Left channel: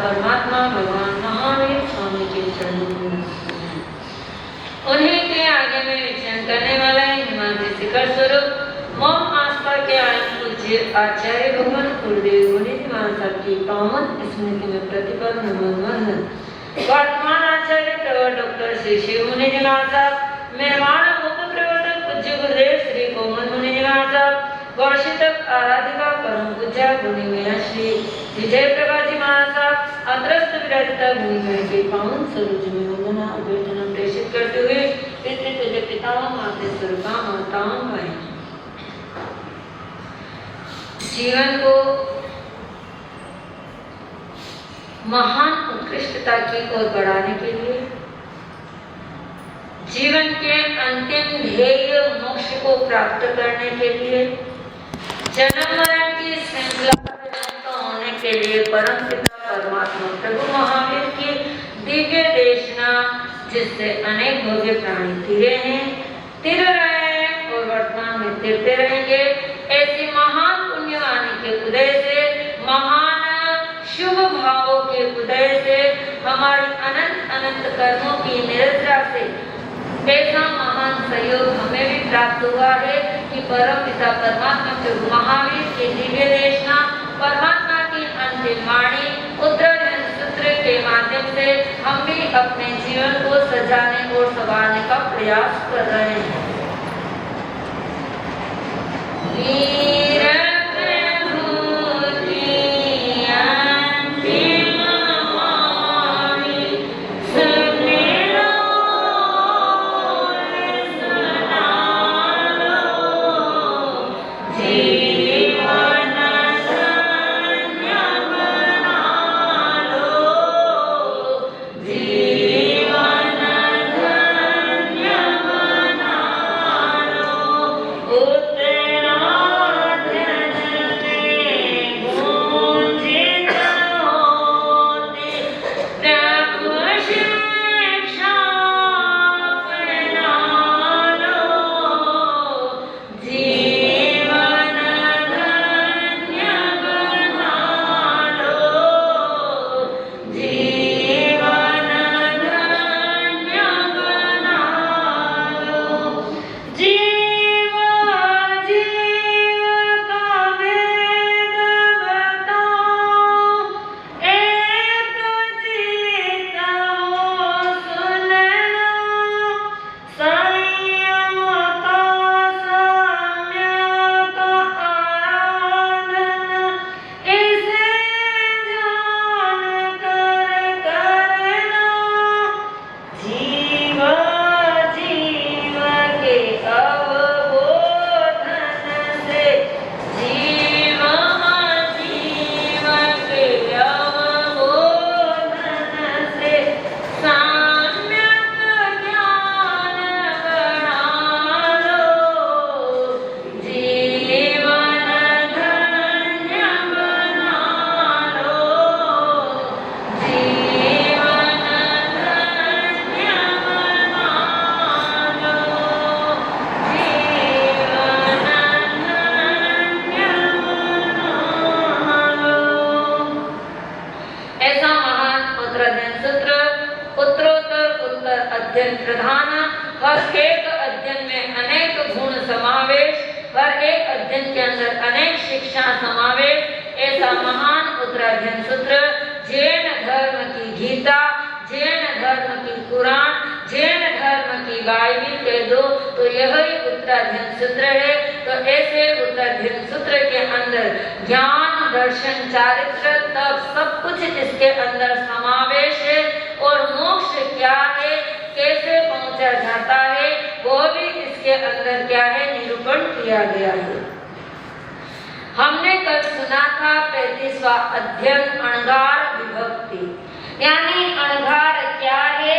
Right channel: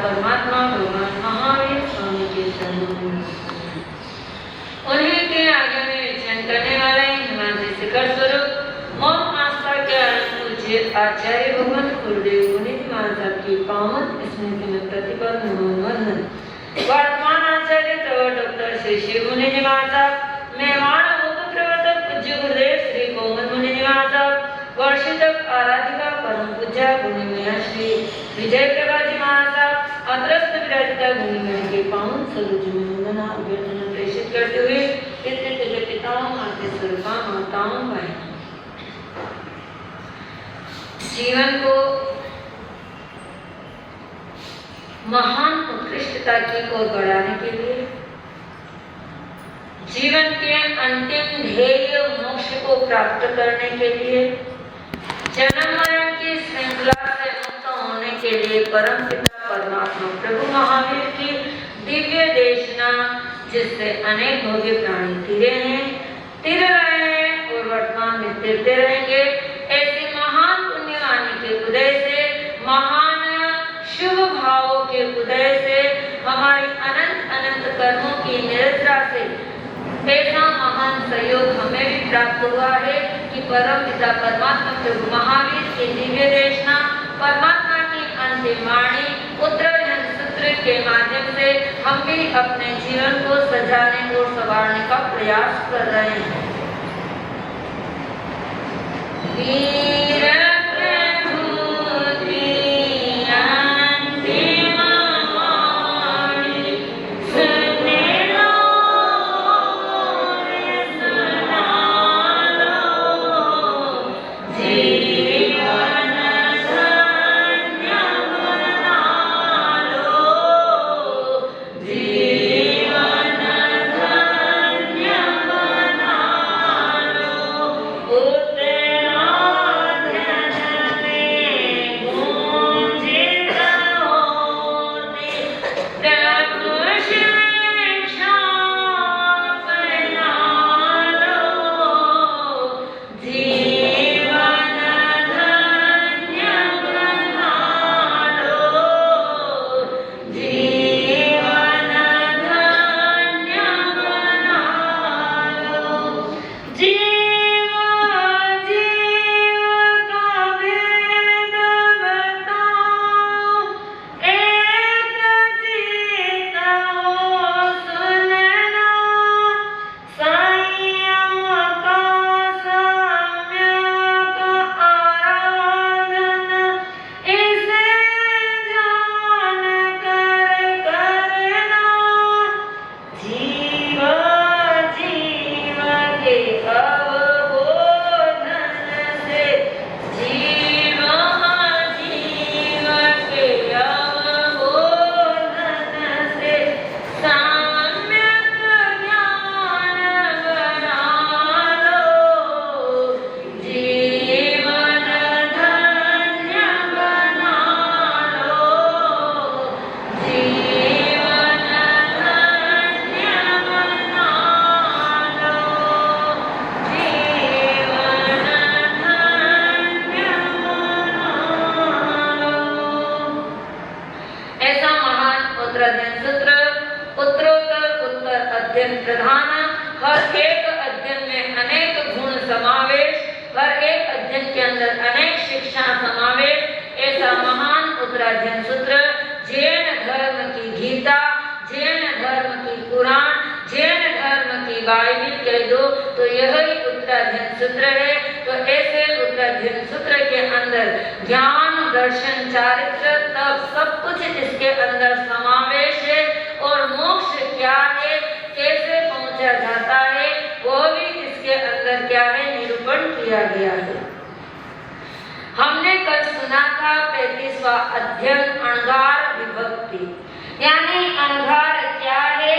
परमात्मा भगवान महावीर स्वामी के चरणों उन्हीं के आगे में विचरण करने वाले हिमालय शिखर स्वरूप मोम आस्था के आनंद पूज्य आचार्य भगवान गुरुदेव मुनि महाराज की पावन स्मृति में प्रतिपल नमन वर्तमान आचार्य प्रवर डॉक्टर श्री शिव मुनि महाराज मेहमान मुख्य प्रवर्तक पूज्य गुरुदेव श्री कोमल मुनि महाराज वर्षितक आराधिका परम पूज्य मुनिमया श्री विजय प्रभा जी महाराज अत्रस्त विराजिता मुनिमया के पावन सरोज में वंदना अभ्यर्थना प्रेषित करते हुए पितृ पिताओं मातेश्वर माताओं भाई जीवन को महान उत्कृष्टता की ओर बढ़ाने के लिए जीवन के अंतिम ध्येय मोक्ष को प्राप्त करने के लिए जन्म मरण की श्रृंखला से मुक्त होने के लिए परम पिता परमात्मा प्रभु महावीर की दिव्य देशना जिससे अनेक भव्य प्राणी तिरे हैं, तिर रहे हैं और वर्तमान में तिरते रहेंगे। ऐसे महान पुण्यवाणी के उदय से, महान शुभ भावों के उदय से, हमारी अनंत अनंत कर्मों की निरंतरता से ऐसा महान सहयोग हमें भी प्राप्त हुआ है कि परम पिता परमात्मा प्रभु महावीर के दिव्य देशना परमात्मा की अंतिम वाणी उत्तरायण सूत्र के माध्यम से हम भी अपने जीवन को सजाने और संवारने का प्रयास कर रहे हैं। हमने कल सुना था 35वां अध्ययन अणघार विभक्ति, यानी अणघार क्या है?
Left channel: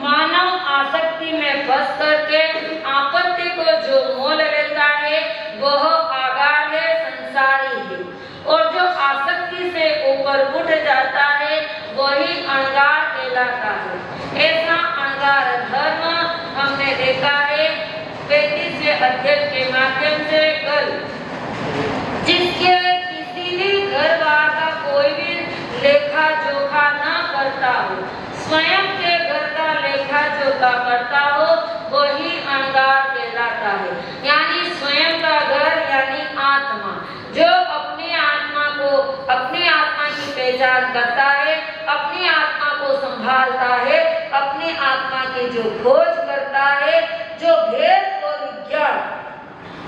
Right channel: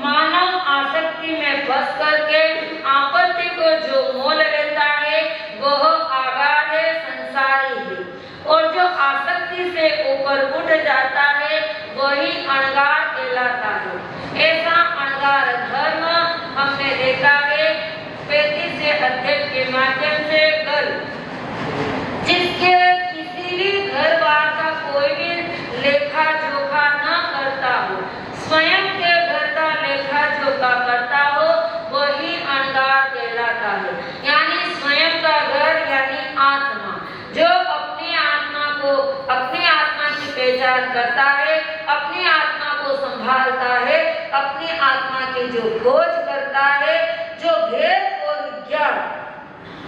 मानव आसक्ति में फंस करके आपत्ति को जो मोल लेता है वह आगार है, संसारी है, और जो आसक्ति से ऊपर उठ जाता है वही अणघार कहलाता है। ऐसा अणघार धर्म हमने देखा है 35 अध्यक्ष के माध्यम से घर, जिसके किसी भी घर बार का कोई भी लेखा जोखा न करता हो, स्वयं के घर का लेखा जोखा करता हो, वही अणगार कहलाता है। यानी स्वयं का घर यानी आत्मा, जो अपनी आत्मा की पहचान करता है, अपनी आत्मा को संभालता है, अपनी आत्मा की जो खोज करता है, जो भेद और विज्ञान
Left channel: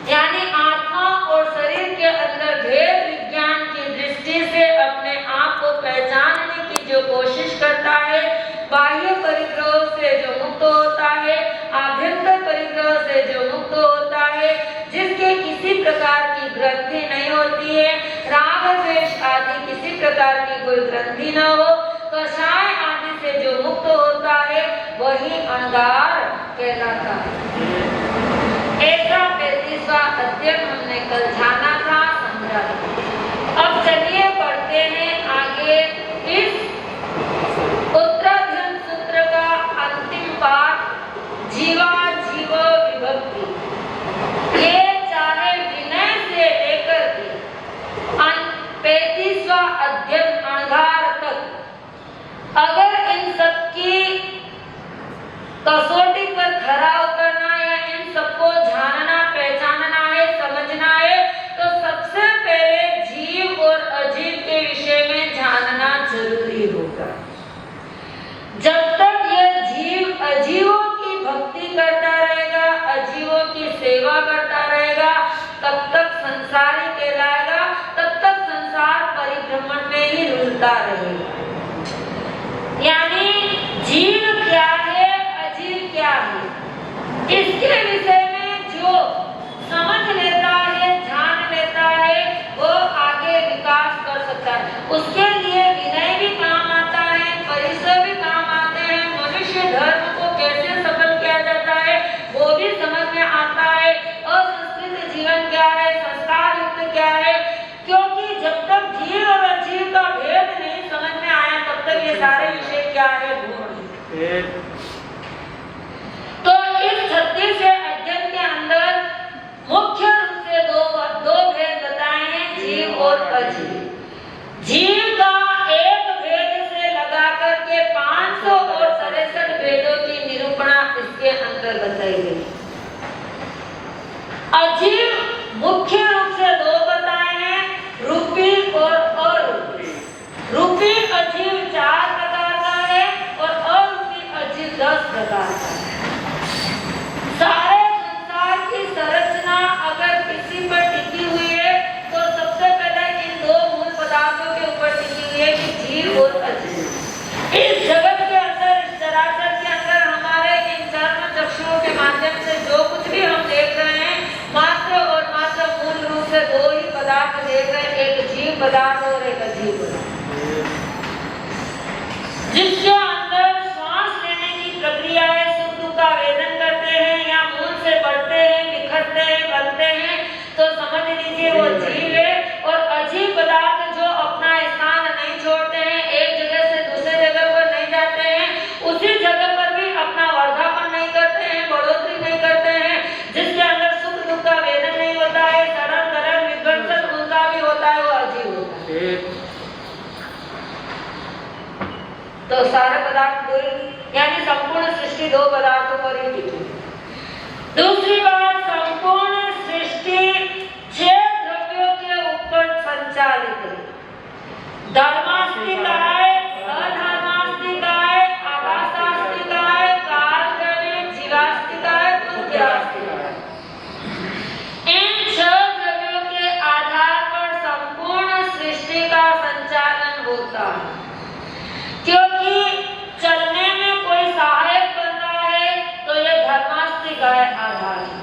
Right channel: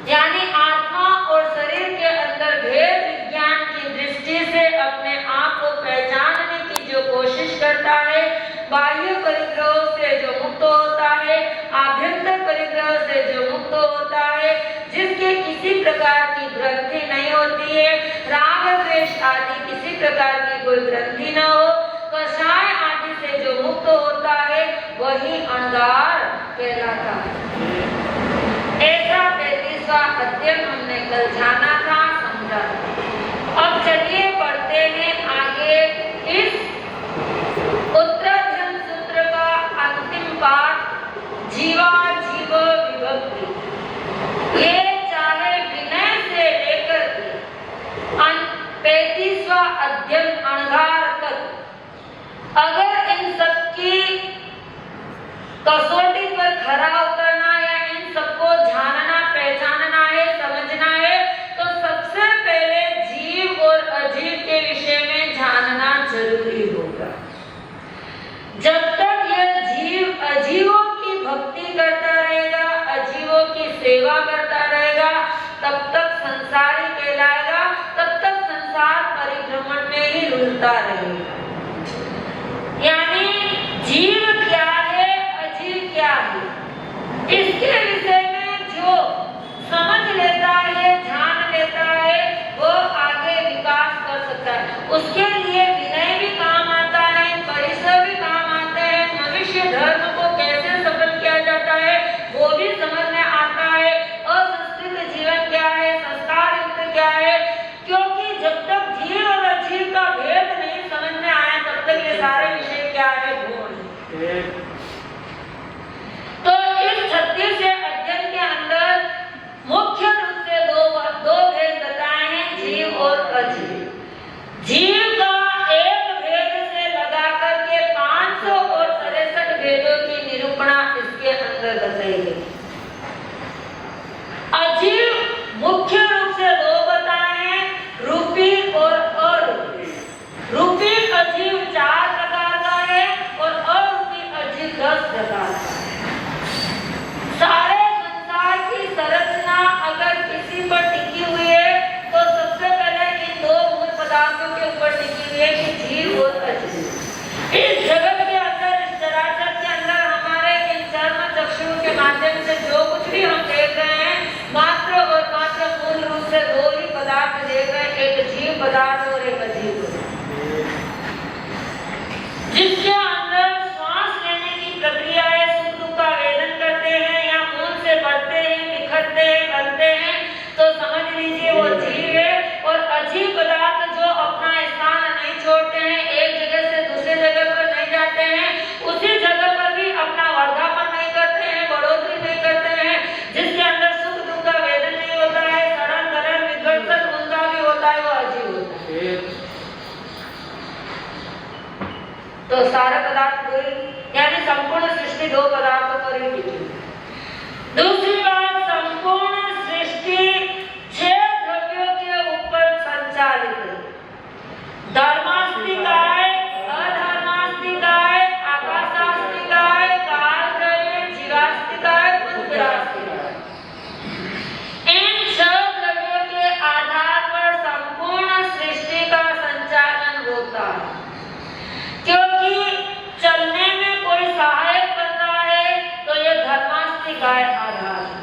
यानी आत्मा और शरीर के अंदर भेद विज्ञान की दृष्टि से अपने आप को पहचानने की जो कोशिश करता है, बाह्य परिग्रहों से जो मुक्त होता है, आभ्यंतर परिग्रह से जो मुक्त होता है, जिसके किसी प्रकार की ग्रंथि नहीं होती है, राग द्वेष आदि किसी प्रकार की कोई ग्रंथि न हो, कषाय आदि से जो मुक्त होता है, वही अणगार कहलाता है। ऐसा 35वां अध्याय हमने कल जाना था, समझा था। अब चलिए पढ़ते हैं आगे इस उत्तराध्ययन सूत्र का अंतिम पाठ, जीवा जीव विभक्ति। ये चाहे विनय से लेकर के 35वां अध्याय अणगार तक, अगर इन सबकी कसौटी पर खरा उतरना है, इन सबको जानना, पहचानना है, समझना है, तो सबसे पहले जीव और अजीव के विषय में जानना जरूरी होगा। जब तक यह जीव अजीवों की भक्ति करता रहेगा, अजीवों की सेवा करता रहेगा, तब तक संसारी कहलाएगा, तब तक संसार परिभ्रमण में ही रुलता रहेगा। यानी जीव क्या है, अजीव क्या है, इसके विषय में जो समझ लेता है, जान लेता है, वो आगे विकास कर सकता है। उसके लिए विनय भी काम आता है, परिश्रम भी काम आता है, मनुष्य धर्म को कैसे सफल किया जाता है वो भी समझ में आता है, असंस्कृत जीवन क्या है, संस्कार युक्त क्या है, क्योंकि जब तक जीव और अजीव का भेद नहीं समझ में आया, तब तक ये सारे विषय क्या है तो इस 36वें अध्याय के अंदर मुख्य रूप से दो भेद बताए हैं, जीव और अजीव। जीव का एक भेद से लगा करके 563 भेदों की निरूपणा इसके अंदर बताई गई। अजीव मुख्य रूप से दो बताए हैं, रूपी और अरूपी। रूपी अजीव 4 प्रकार का है और अरूपी अजीव 10 प्रकार का है। सारे संसार की संरचना अगर किसी पर टिकी हुई है, तो सबसे पहले इन दो मूल पदार्थों के ऊपर टिकी हुई है कि जीव और अजीव। इस जगत के अंदर, इस चराचर के अंदर हमारे इन चर्म चक्षुओं के माध्यम से जो कुछ भी हम देख रहे हैं, मात्र और मात्र मूल रूप से दो ही पदार्थ देख रहे हैं, एक जीव पदार्थ और एक अजीव पदार्थ, जिसके अंदर श्वास लेने की प्रक्रिया है, का वेदन करते हैं या मूल से बढ़ते हैं, बिखरते हैं, बनते हैं, तो समझ लीजिए वो जीव है। और अजीव पदार्थ जो अपना स्थान नहीं छोड़ते हैं, एक जगह से दूसरे जगह पर नहीं जाते हैं, उसी जगह पर भी अपना वर्धापन नहीं करते हैं, बढ़ोतरी नहीं करते हैं, जिसके अंदर सुख दुख का वेदन नहीं होता है, सरल गलन विघटन उनका भी होता है, वो अजीव होता है। तो सारे पदार्थ यानी संपूर्ण सृष्टि दो पदार्थों पर ही टिकी। दूसरी बात, संपूर्ण सृष्टि 6 द्रव्यों के ऊपर संचालित है। धर्मास्तिकाय, अधर्मास्तिकाय, आभासास्तिकाय, कालद्रव्य, जीवास्तिकाय, रुद्रास्तिकाय। इन 6 द्रव्यों के आधार पर संपूर्ण सृष्टि का संचालन होता है, क्योंकि चलने में कोई सहायक बन रहा है तो यह धर्मास्तिकाय आधार है।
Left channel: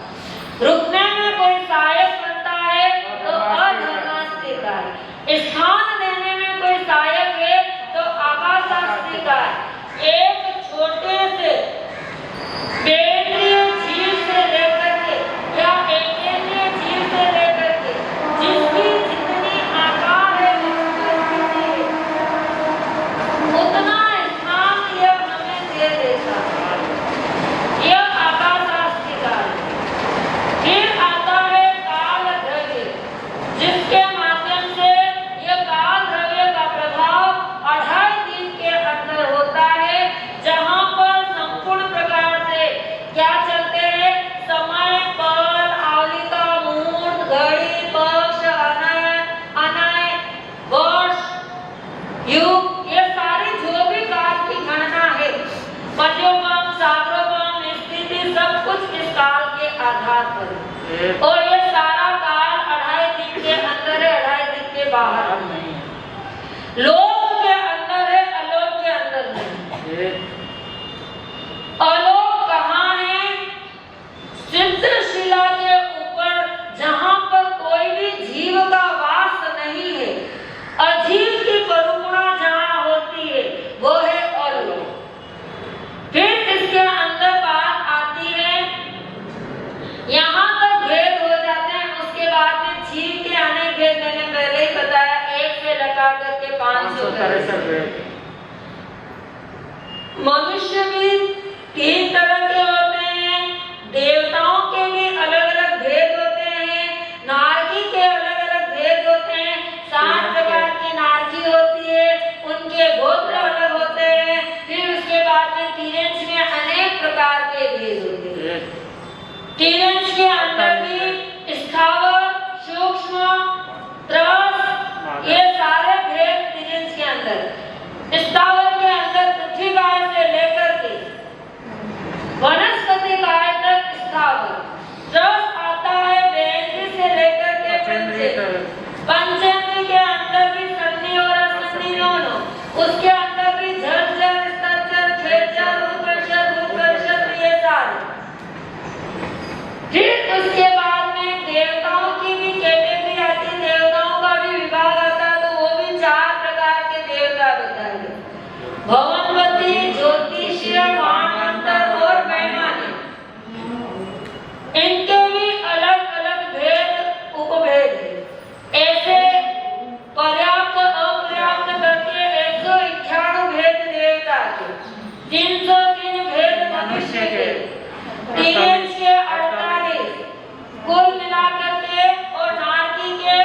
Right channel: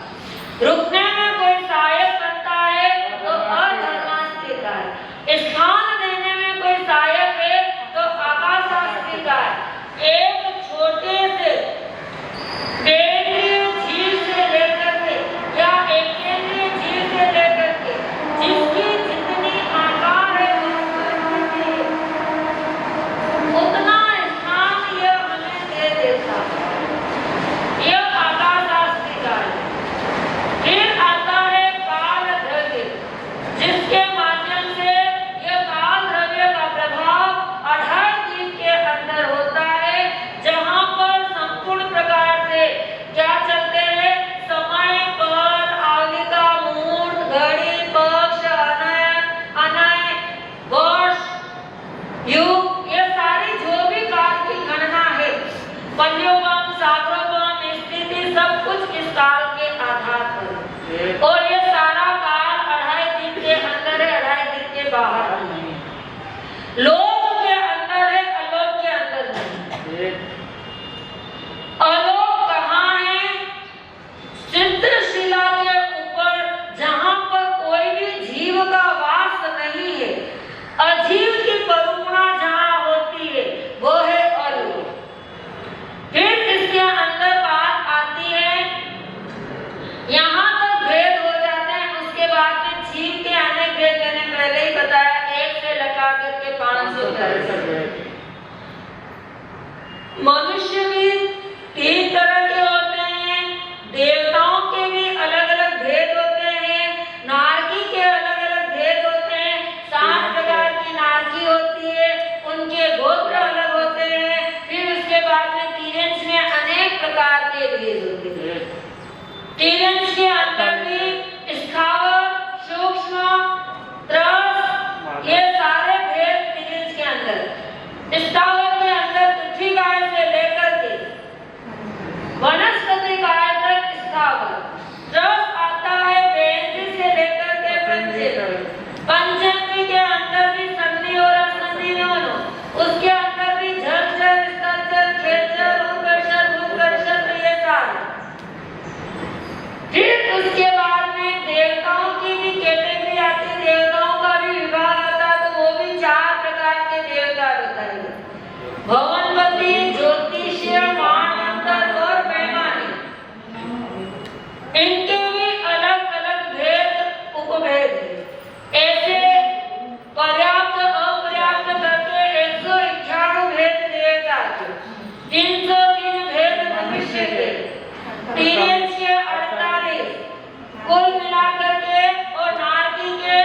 लोक के अंदर है, अलोक के अंदर नहीं। अलोक कहाँ है? सिद्ध शिला के ऊपर, जहाँ पर कोई भी जीव का वास नहीं है, अजीव की करुणा जहाँ होती है, वो है अलोक। फिर इसके अंदर बात आती है, यहाँ तक भेद हो जाते हैं। उसके बाद में जीव के अनेक भेद मैंने पहले ही बताया, 1 से लगा करके 500 तक। मनुष्य भी 3 तरह के होते हैं, देवताओं के भी अलग अलग भेद होते हैं, नारकी के अलग अलग भेद होते हैं। 7 प्रकार की नारकी होती है, उनके गोत्र अलग होते हैं। फिर उसके बाद में तिर्यंश में अनेक प्रकार के भेद होते हैं। तिर्यंश के अंदर भी स्थावर, सूक्ष्म, त्रस, ये सारे भेद तिर्यंश के अंदर। स्थावर के अंदर पृथ्वी काय से लेकर के वनस्पति काय तक स्थावर। त्रस आता है बेंद्री से लेकर के पंचेंद्री के अंदर भी सन्नी और असन्नी दोनों। उसके अंदर भी झरझर, स्तरझर, खेचर, उत्कर्षण, भूकर्षण, ये सारे। फिर उसके बाद में देवताओं की भी कैटेगरी आती है, देवताओं का भी विभाग आता है, तो वो भी 4 प्रकार के देवता बताइए। भवनपति, ज्योतिष्य, महामंत्र और वैमानिक। इनके भी अलग अलग भेद, उपभेद है। ऐसे पर्याप्त अपर्याप्त करके 198 भेद देवता के, 303 भेद मनुष्य के, 348 कुल मिलाकर के, और नारकी के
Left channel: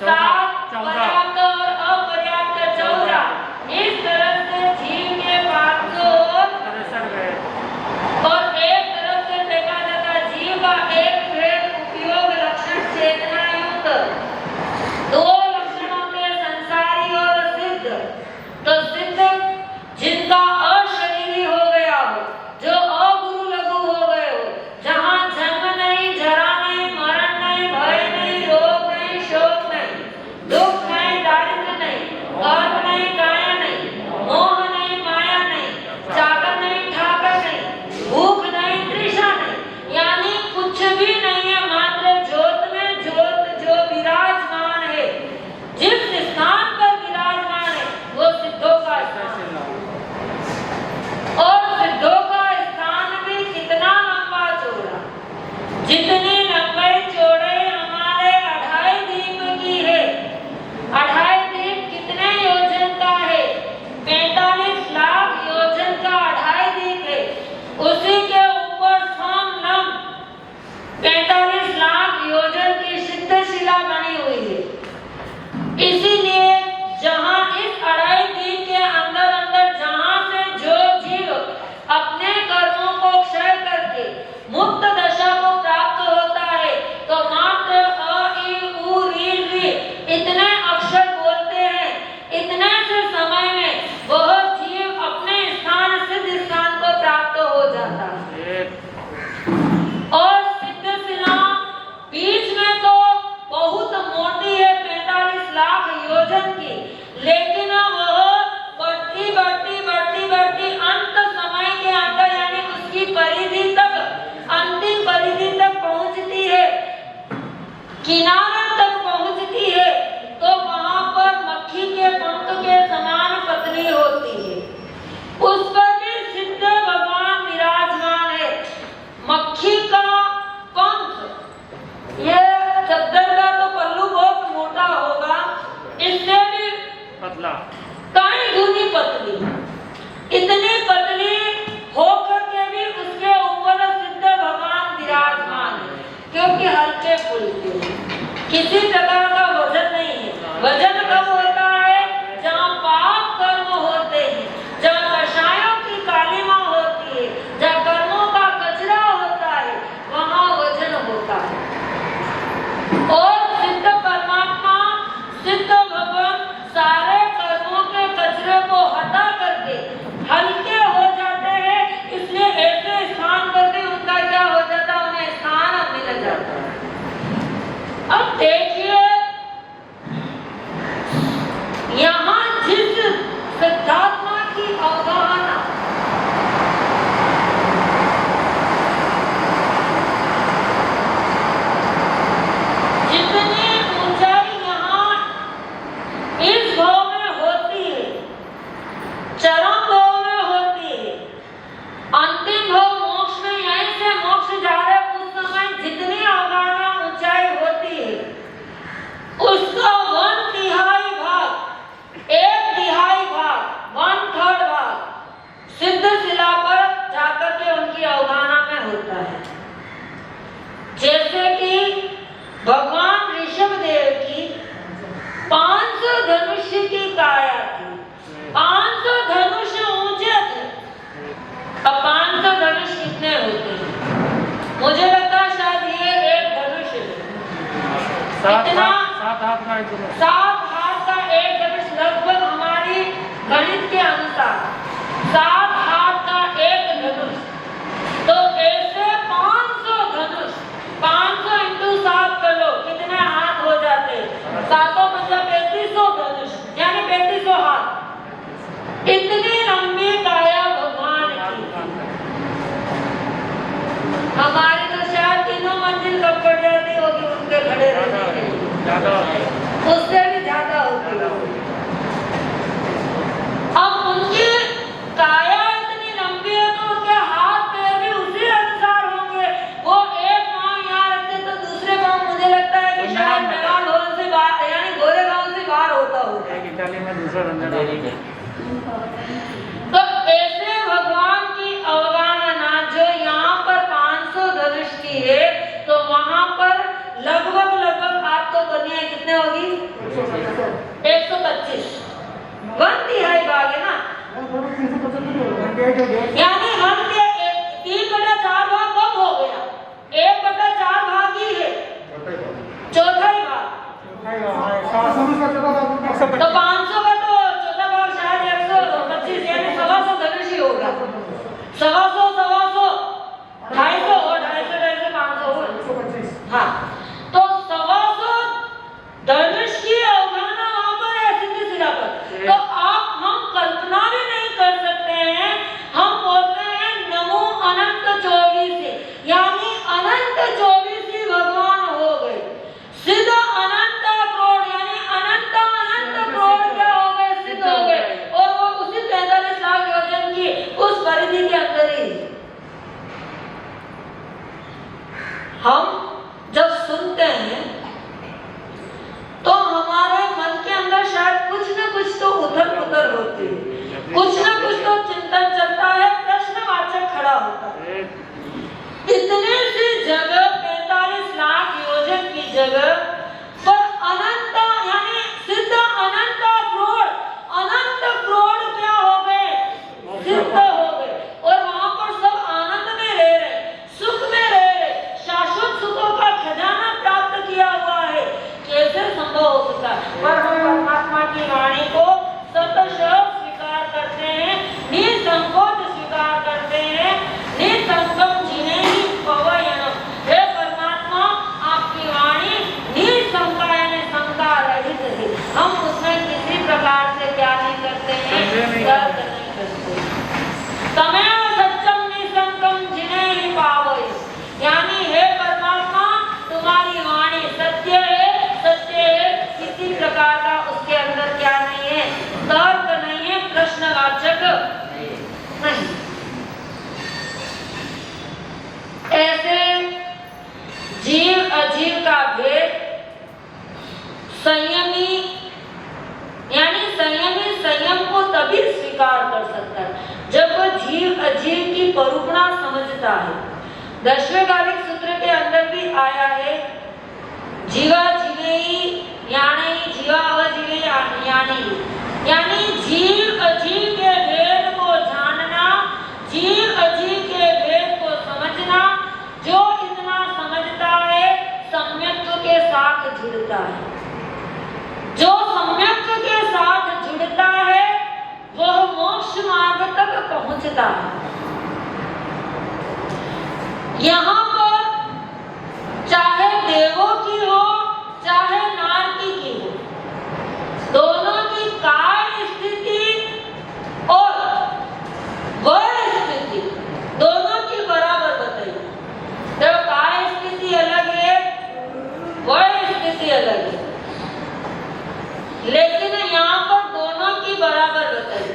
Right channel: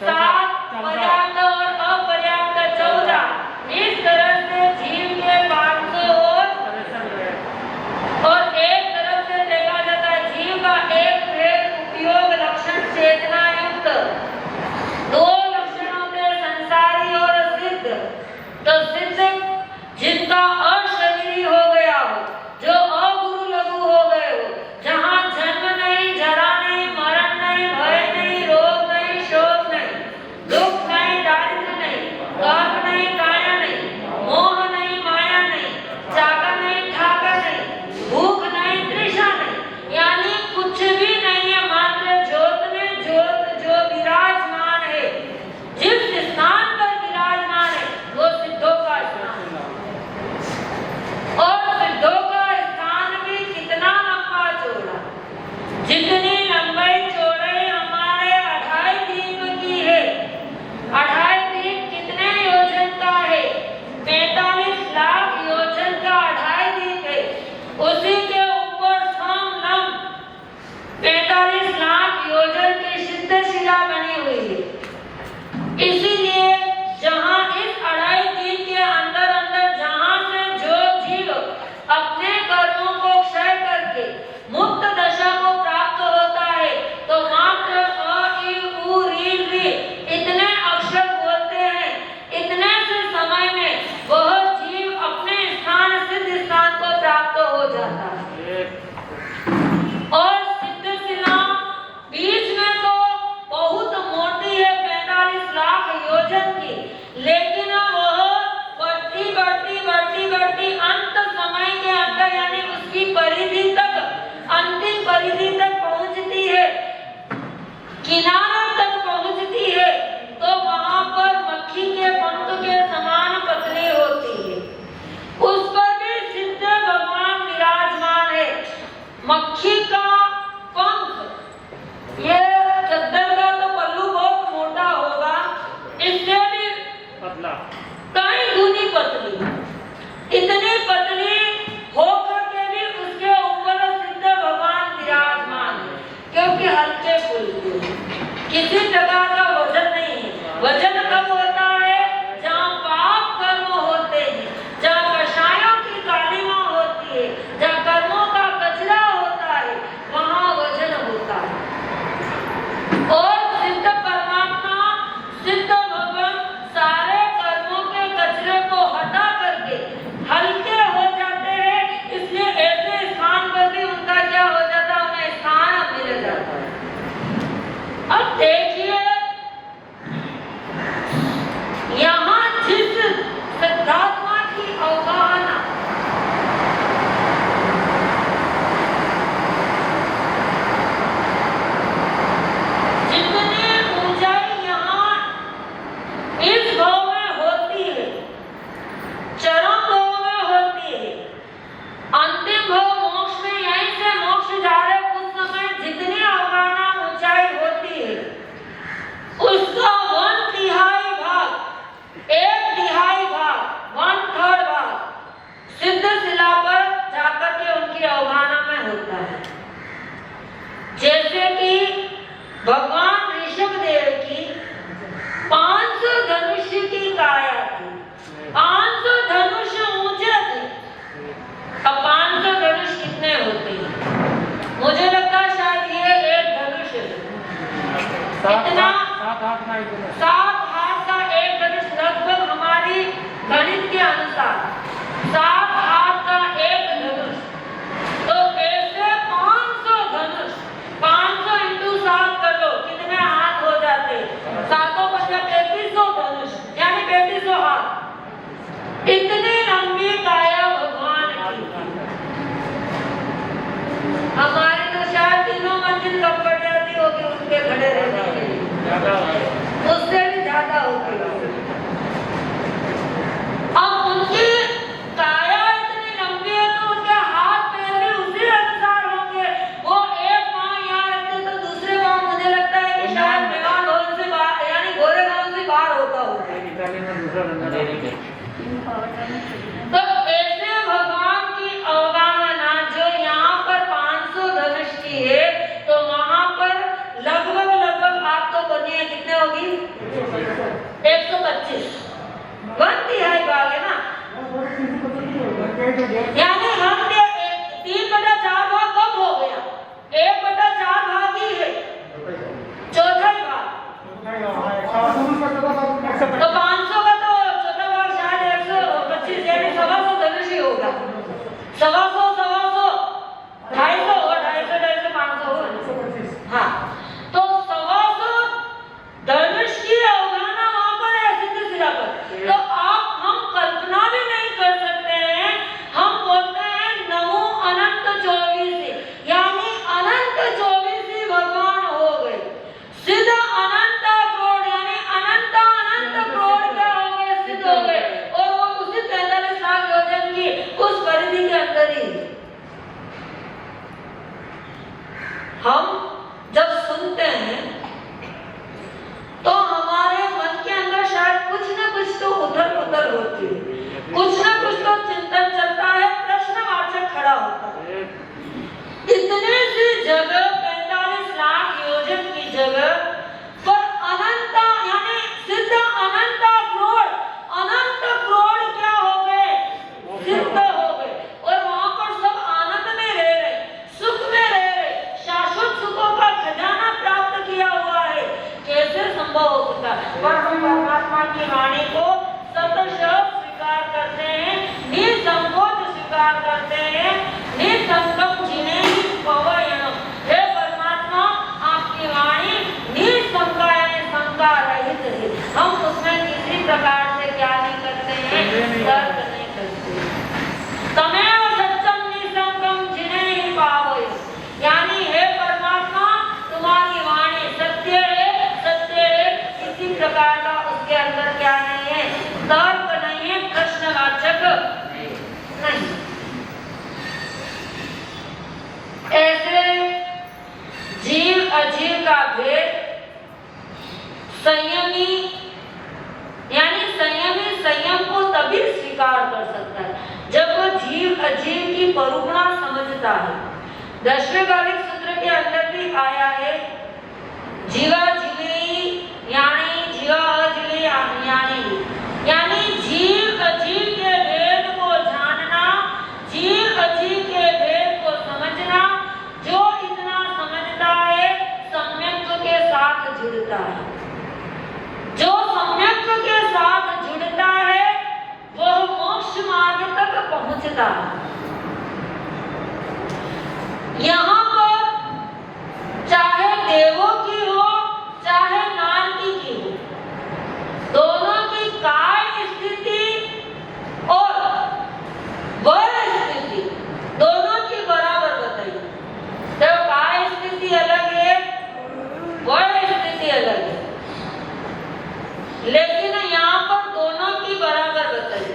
7, पर्याप्त और अपर्याप्त 14। इस तरह से जीव के 500 और एक तरफ से देखा जाता है जीव का एक भेद उपयोग लक्षण चेतना युक्त। 2 लक्षण होते हैं, संसारी और सिद्ध। तो सिद्ध जिनका अशरीरी हो गया हो, जो अगुरु लघु हो गए हो, जहाँ जन्म नहीं, जरा नहीं, मरण नहीं, भय नहीं, रोग नहीं, शोक नहीं, दुख नहीं, दारिद्र्य नहीं, गर्व नहीं, काया नहीं, मोह नहीं, माया नहीं, जागर नहीं, ठाकर नहीं, भूख नहीं, तृषा नहीं, यानी कुछ भी नहीं है, मात्र ज्योत में ज्योत जो विराजमान है। जिस स्थान पर विराजमान है वो सिद्धों का स्थान है। और सिद्धों का स्थान भी कितना लंबा चौड़ा, जितनी लंबाई चौड़ाई हमारे 2.5 दीप की है। 2.5 दीप कितने योजन का है? 45 लाख योजन का 2.5 दीप है। उसी के ऊपर समलम 45 लाख योजन की सिद्ध शिला बनी हुई है। इसीलिए जहाँ इस 2.5 दीप के अंदर अंदर जहाँ से जो जीव अपने कर्मों को क्षय करके मुक्त दशा को प्राप्त होता है, तो मात्र अ, ई, उ, री, री इतने अक्षर बोलते हैं, इतने से समय में वह जीव अपने स्थान सिद्ध स्थान को प्राप्त हो जाता है। और सिद्ध शिला बीच में तो बहुत मोटी है, 45 लाख योजन की, लेकिन वह बढ़ती बढ़ती बढ़ती बढ़ती अंत समय के अंदर, यानी उसकी परिधि तक, अंतिम परिधि तक पहुंचती है, किनारे तक पहुंचती है, तो वहां पर मक्खी के पंख के समान पतली होती है। उस पर भी सिद्ध भगवान विराजमान है। मक्खी का पंख, ये चद्दर का तो पल्लू बहुत मोटा होगा, इससे भी पतला, कई गुनी पतली, इतनी पतली होकर के भी उसके ऊपर सिद्ध भगवान विराजमान है, क्योंकि हल्के फुल्के, किसी प्रकार का वजन नहीं है। वजन कब होता है? जहाँ पाप कर्म होते हैं, जहाँ कषायों की कालिमा होती है, जहाँ कर्मों का कचरा होता है, वहाँ वजन होता है। और सिद्ध परमात्मा, सिद्ध भगवान सारे कर्मों के कचरे को हटा करके हल्के हो जाते हैं, इसलिए ऐसे स्थान पर भी उनका क्या हो जाता है? उन्हें स्थान मिल जाता है। अब देखिए यहाँ इतना 7 हाथ का एक धनुष लगभग हमारी गणित के अनुसार 7 हाथ का एक धनुष, तो ऐसे 500 धनुष, 500 इंटू 7 कर लो कितने हाथ हो जाते, 7 मतलब 3500 धनुष यानी 3500 हाथ। इतनी लंबी काया भगवान की थी। हमारे तो शायद 3 मंजिल कब पड़ जाती होगी उसके खड़े रहने के लिए, उससे भी ज्यादा होती है। अब उनकी काया इतनी लंबी है तो उनके हाथ पैर भी उसी अनुसार होंगे। वो एक पांव यहाँ रखते तो दूसरे पांव मुझे लगता है कि शायद मैदान से बाहर यानी गोरेगांव से बाहर होता होगा। तो ऐसे भगवान की अवगाहना जो यहाँ पर 500 धनुष की है तो वहाँ पर लगभग आप तो करनी है कितने होगी 125 1/3 भाग है ना, यानी हम 3/4 भाग कम हो गया, 1/4 भाग ही है, चौथा ही भाग। तो 500 का तो चौथा भाग शायद 125 यानी 125 धनुष ही होगा। 125 250 250 500 हाँ, तो 125 धनुष की अवगाहना वहां पर है सीधे सीधा पर। तो हम कल्पना भी नहीं कर सकते हैं। हम बोलते हैं नमो अनंत 24 यानी अनंत 24 भगवान हो गए, सीधा अनंत करोड़ यानी अनंत करोड़ क्या हो गए, सिद्ध हो गए, और वो उसी 43 लाख योजन की उस परिधि के अंदर ही। हम जब सुनते हैं तो हमारे मन के अंदर शायद कुछ न कुछ तो उथल-पुथल होती है, कुछ न कुछ तो चिंतन चलता है, प्रश्नवाचक खड़ा होता है। इतनी सी जगह 45 लाख योजन की जगह पर अनंत यानी सिद्ध अनंत करोड़ क्या हो गए, सिद्ध हो गए, और वहां पर सब आनंद में रह रहे, सुख में रह रहे, शाश्वत सुखों का खजाना प्राप्त किया हुआ है। कैसे संभव हो सकता है? पर हम परमात्मा की वाणी को सतशः स्वीकार करते हैं, निसंकोच स्वीकार करते हैं, निसंकल्प जिनेहि पवयन्। हे परमात्मा, आपकी वाणी निसंका यानी शंका रहित है। हम उसमें किसी प्रकार से क्या नहीं करते हैं, तर्क नहीं करते। तमेव सत्यम निसंकम जिनेहि पावयन्, यानी हे परमात्मा तुम्हारी वाणी सत्य है, किसी प्रकार का उसके अंदर क्या नहीं है, तर्क नहीं है, प्रश्नवाचक नहीं। ऐसे जीव अजीव का भेद संयमी यानी संयमी संयम को तभी स्वीकार कर सकता है जब वह जीव अजीव की परुपणा समझता है। 10वें कालिक सूत्र के अंदर भी आया है, जीवा जीवेहि यानी जीवा अजीवे यानी जीव अजीव के भेद को जानना, जीव अजीव के भेद को समझना। जो इतना समझता है सम्यक्त्व के साथ जुड़ता है, जो सम्यक्त्व के साथ जुड़ता है वह मोक्ष मार्ग तक पहुंचता है। यहाँ पर चाहे देवों की हो चाहे नारकी की हो, दोनों की काय स्थिति और वर स्थिति दोनों की बराबर बताई। तो काय स्थिति अलग है, वर स्थिति अलग है, लेकिन यहाँ पर दोनों की बराबर बताई।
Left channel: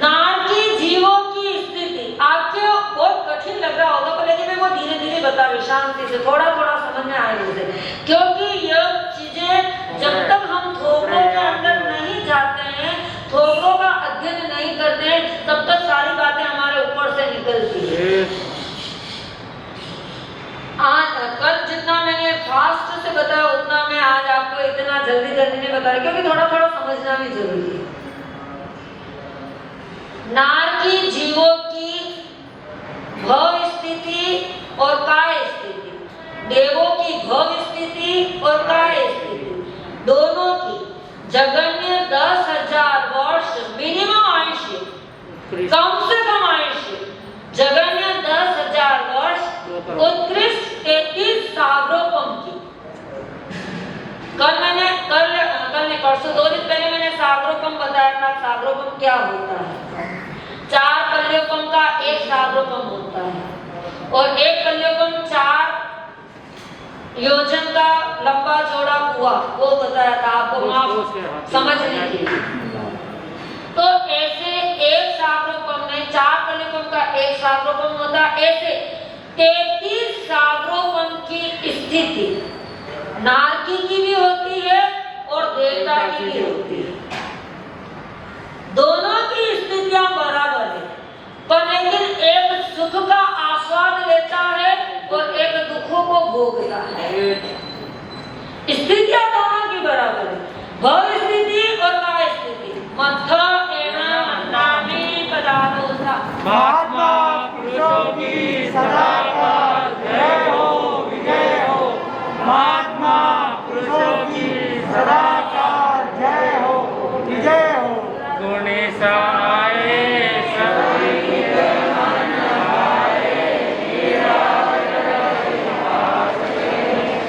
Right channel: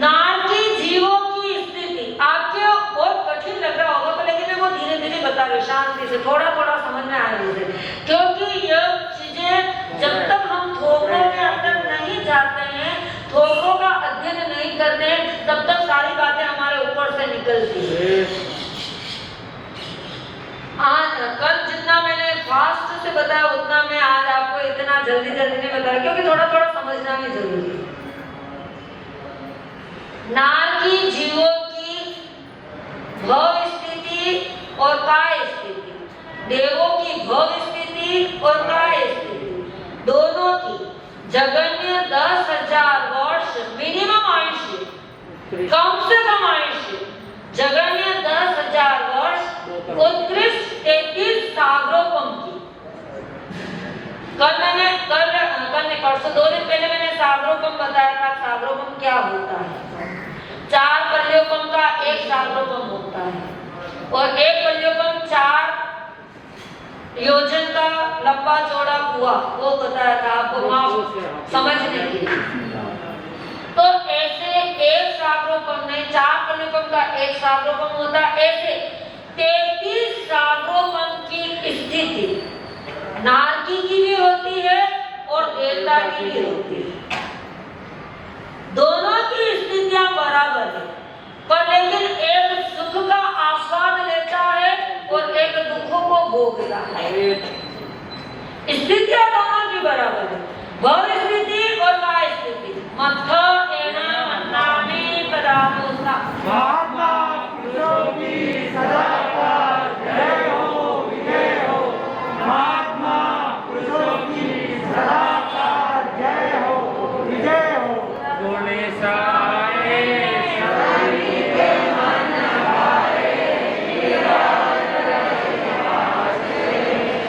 नारकी जीवों की स्थिति आपके बहुत कठिन लग रहा होगा, पर लेकिन मैं वो धीरे धीरे बता रही हूँ, शांति से, थोड़ा थोड़ा समझ में आए मुझे, क्योंकि यह चीजें जब तक हम थोकों के अंदर नहीं जाते हैं, थोकों का अध्ययन नहीं करते हैं, तब तक सारी बातें हमारे ऊपर से निकलती है। कल जितना मैंने फास्ट से बताया उतना मैं आज आपको इतना जल्दी जल्दी नहीं बताया, क्योंकि थोड़ा थोड़ा समझना भी जरूरी है। नारकी जीवों की भव स्थिति और काय स्थिति, देवों की भव स्थिति और काय स्थिति दोनों की जगन्य 10,000 वर्ष मिनिमम आयुष्य, कम से कम आयुष्य, जगन्य 10,000 वर्ष, उत्कृष्ट 33 सागरोपम की। कल परसों 2 दिन पहले मैंने सागरोपम बताया था। सागरोपम क्या होता है? 4 पल्योपम का 1 सागरोपम होता है और 1 पल्योपम 4 योजन का लंबा चौड़ा कुआ, वो बताया था आपको वहां समझने के लिए। तो ऐसे 1 सागरोपम में 4 पल्योपम का 1 सागरोपम होता है। ऐसे 33 सागरोपम की स्थिति नारकी की भी होती है और देवता की भी होती है। दोनों की स्थितियां बराबर है, पर लेकिन एक सुख का आस्वाद लेता है और एक दुखों को भोगता है। स्थितियां दोनों की बराबर है, भव स्थिति और काय स्थिति। मत्था एवं मन्नामी पदार्थों महात्मा पुरुषों की सदा का जय हो, विजय हो। महात्मा पुरुषों की सदा का जय हो, विजय हो। गुणेशाय सभी के मन आए,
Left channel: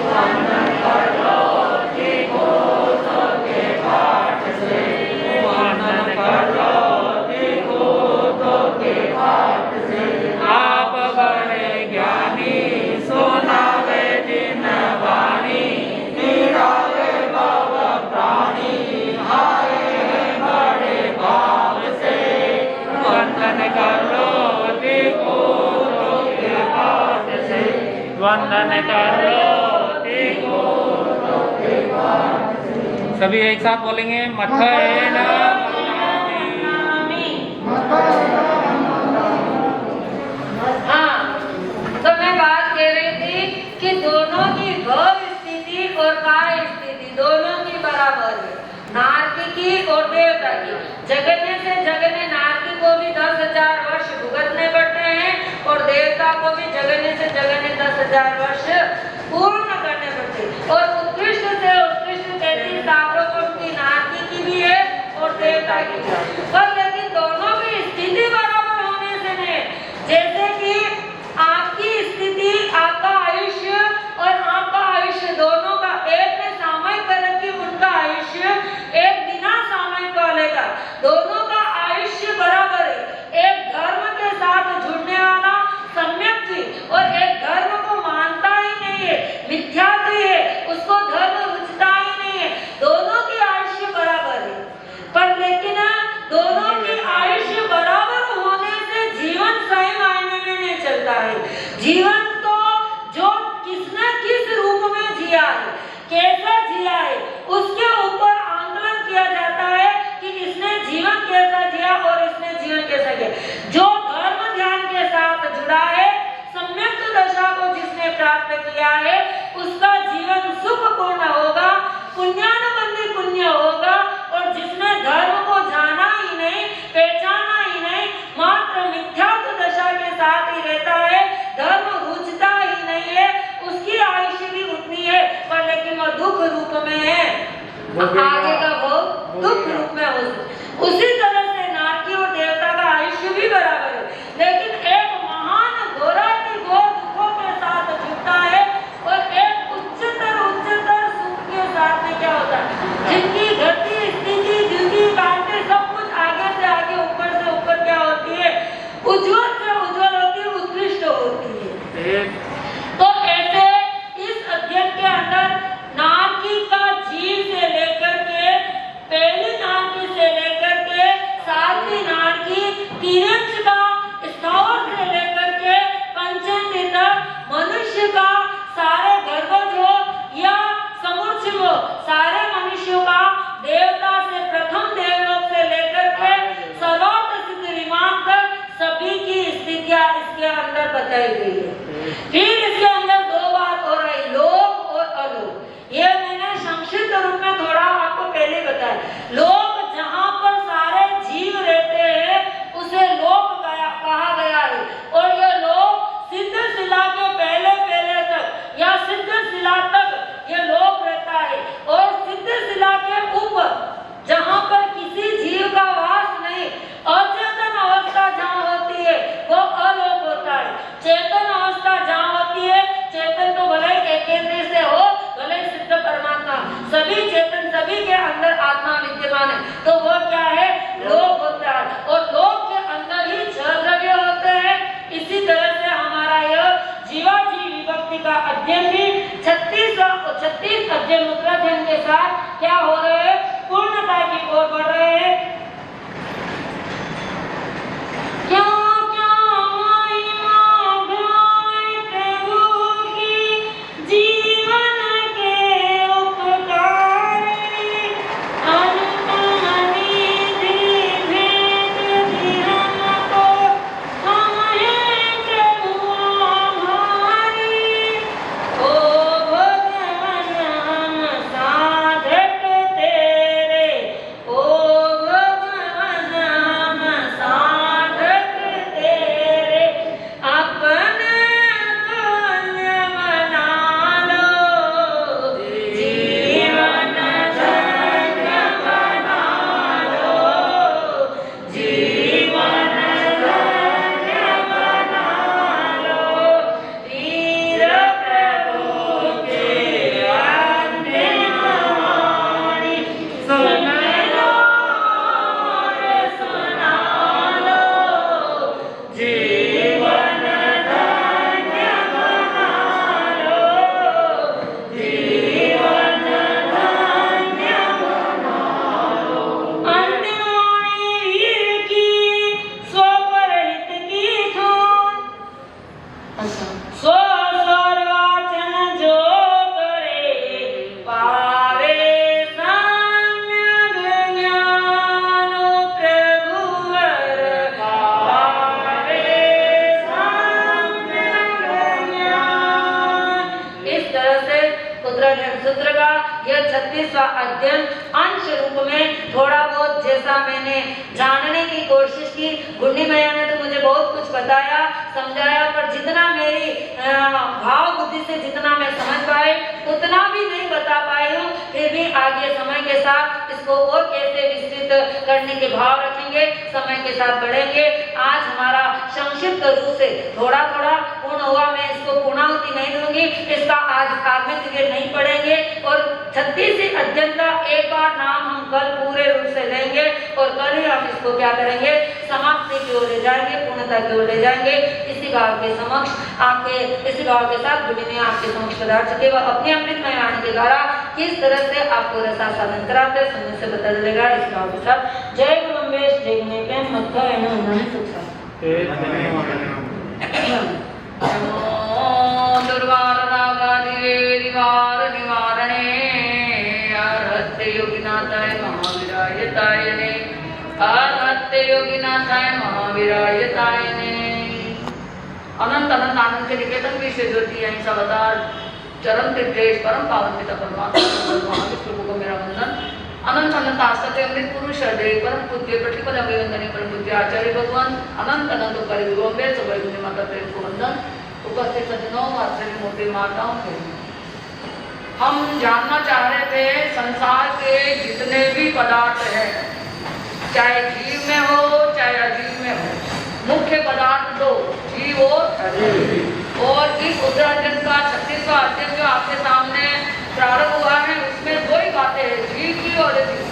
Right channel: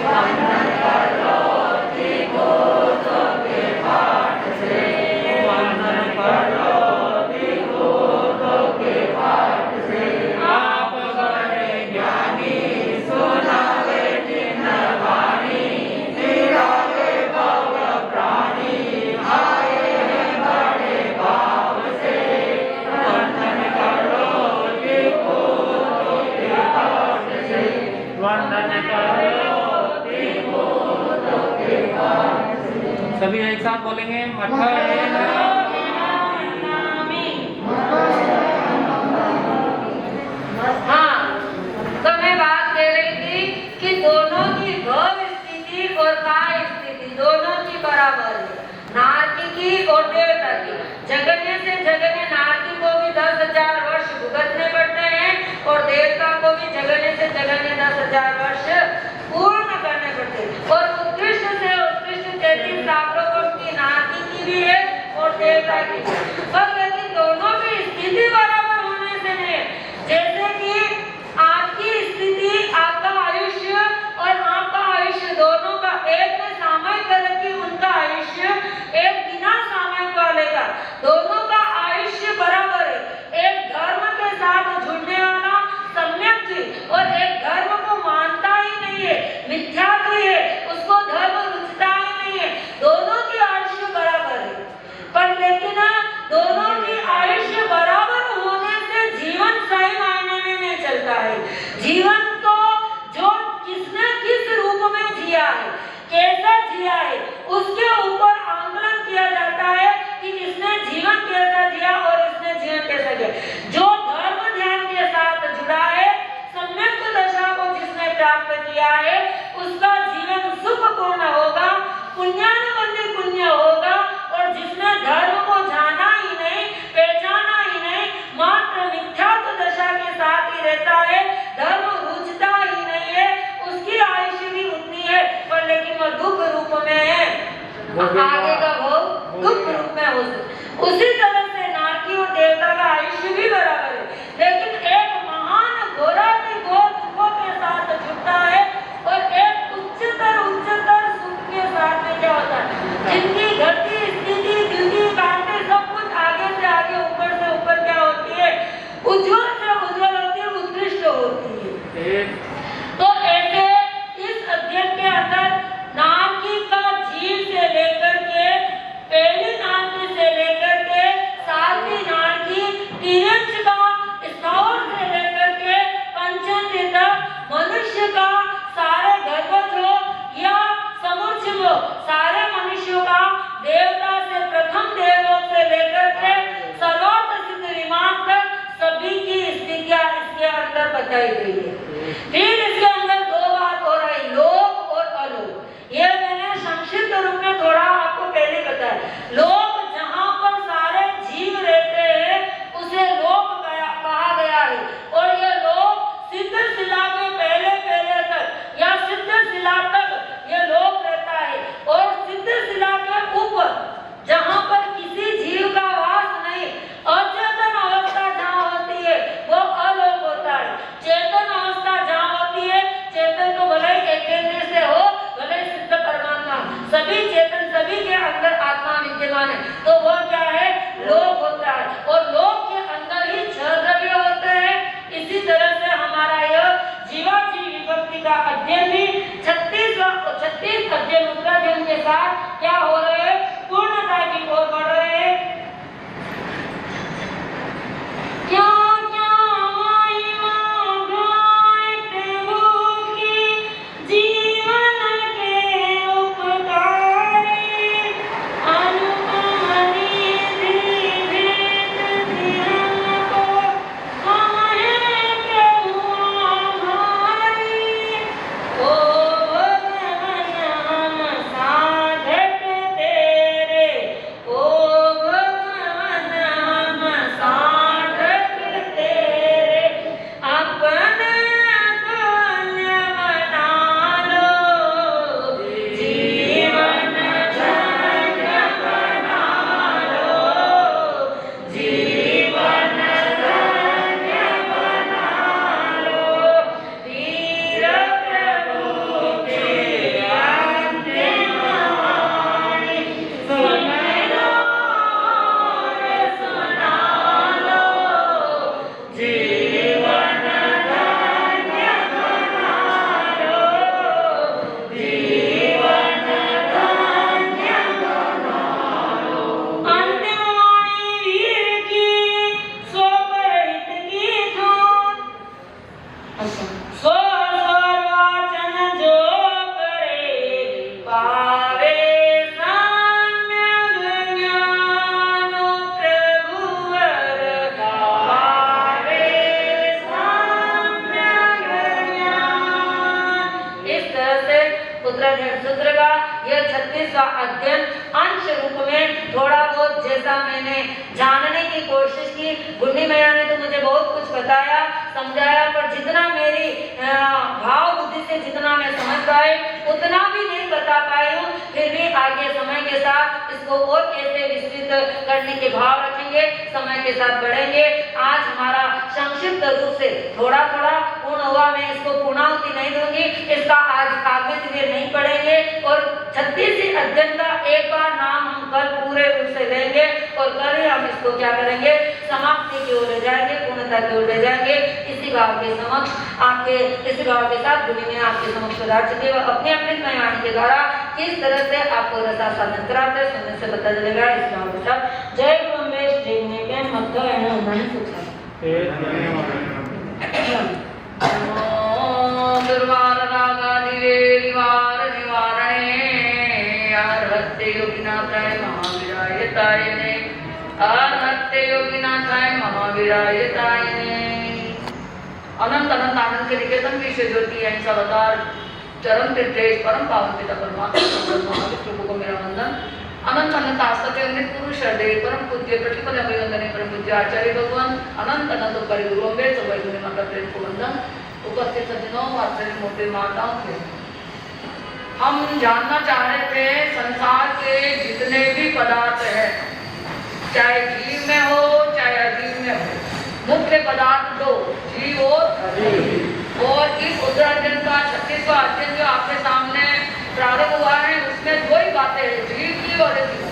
वंदन करो दिगोतों के पाठ से, वंदन करो दिगोतों के पाठ से। आप बड़े ज्ञानी सुनावे जिन वाणी, निराले भव प्राणी आए हैं बड़े भाव से। वंदन करो दिगोतों के पाठ से, वंदन करो दिगोतों के पाठ से। सभी एक साथ बोलेंगे मत्था हाँ, तो मैं बात कह रही थी कि दोनों की भव स्थिति और काय स्थिति दोनों की बराबर है, नारकी की और देवता की। जगन्य से जगन्य नारकी को भी 10,000 वर्ष भुगतने पड़ते हैं और देवता को भी जगन्य से जगन्य 10,000 वर्ष पूर्ण करने पड़ते हैं। और उत्कृष्ट से उत्कृष्ट 33 सागरोपम की नारकी की भी है और देवता की भी है। पर यदि दोनों की स्थिति बराबर होने से नहीं, जैसे कि आपकी स्थिति, आपका आयुष्य और आपका आयुष्य दोनों का एक में सामयिक करे कि उनका आयुष्य एक बिना सामयिक वाले का, दोनों का आयुष्य बराबर है। एक धर्म के साथ जुड़ने वाला सम्यक की और एक धर्म को मानता ही नहीं है, मिथ्यात्व है, उसको धर्म रुचता ही नहीं है। दोनों की आयुष्य बराबर है, पर लेकिन दोनों की आयुष्य बराबर होने से जीवन सही मायने में नहीं चलता है। जीवन तो जो किसने किस रूप में जिया है, कैसा जिया है, उसके ऊपर आंकलन किया जाता है कि इसने जीवन कैसा जिया और इसने जीवन कैसा जिया। जो धर्म ध्यान के साथ जुड़ा है, सम्यक दशा को जिसने प्राप्त किया है, उसका जीवन सुखपूर्ण होगा, पुण्यानुबंधी पुण्य होगा। और जिसने धर्म को जाना ही नहीं, पहचाना ही नहीं, मात्र मिथ्यात्व दशा के साथ ही रहता है, धर्म रुचता ही नहीं है, उसकी आयुष्य भी उतनी है, पर लेकिन वो दुख रूप में है। आगे का वो दुख रूप में हो। उसी तरह से नारकी और देवता का आयुष्य भी बराबर है, लेकिन एक महान घोरा दुखों के साथ जुड़ता है और एक उच्चतर सुख के साथ में क्या होता है, जिनकी गति, स्थिति, दिव्य बातें सब कुछ आगे से आगे, ऊपर से ऊपर क्या होती है, उज्जवल से उज्जवल होती है, उत्कृष्ट होती है। तो ऐसे इस अध्ययन के अंदर नारकी का जीव से लेकर के उत्तरायण सूत्र का यह 36वां अध्ययन अंश रूप में थोड़ा बहुत जैसा मैंने जानने की कोशिश की। गुंडी मैया ने तो मुझे बहुत कुछ बताया, समझाया, पर जितना मेरी भाव बुद्धि से जितना मैं समझ पाई उतना भी नहीं बता पाई हूँ। फिर भी आगे समय के साथ इसको और कैसे विस्तृत करने के भाव रखेंगे, समय के साथ बढ़ेंगे। आज हमारा संक्षिप्त रूप से थोड़ा थोड़ा पूर्ण हुआ, मैं इसको पूर्णाहुति नहीं दूंगी, इसका आज आगे से नहीं पढ़ेंगे। और 36 अध्ययन का एक बार नाम हम कल पूरे रूप से लेंगे और कल ही हम इसको क्या करेंगे, समाप्ति की ओर ले जाएंगे, पूर्णता की ओर ले जाएंगे। इसी भाव के समक्ष आपके इसी भाव के साथ गुरु ने आपके समक्ष पधार चुके व अपने अपने वाणी के द्वारा किस तरह से आपको रसा साधन कराकर समय से बदल देगा। इस भाव के साथ जय गुरु रमेश जय गुरु मक्का एवं उन्नति सुख अनंत अनंत आनंद के निकेतन की से ज्योति अवतार चरम तीर्थेश परम पावन पिता परमात्मा को मेरा वंदन। अनंत अनंत आस्ते अमृत पुरुष हृदय परम पूज्य प्रतिपद अभिवंदनीय परम पूज्य आचार्य भगवान अनंत अनंत कर गुरुअंबे सबै गुरु माता प्रेम को वंदन। उपस्थित सज्जनों आचार्य मोटे माताओं को हम जानना चाह रहे थे संसार के जितने भी पदार्थ हैं, चाहे जीव में हो चाहे अजीव में हो, मुख्य पदार्थ दो, जीव और इस उत्तरायण का 36वां अध्ययन जो आपके सामने प्रारंभ हुआ है उसमें दो ही बातें हैं, जीव की और अजीव।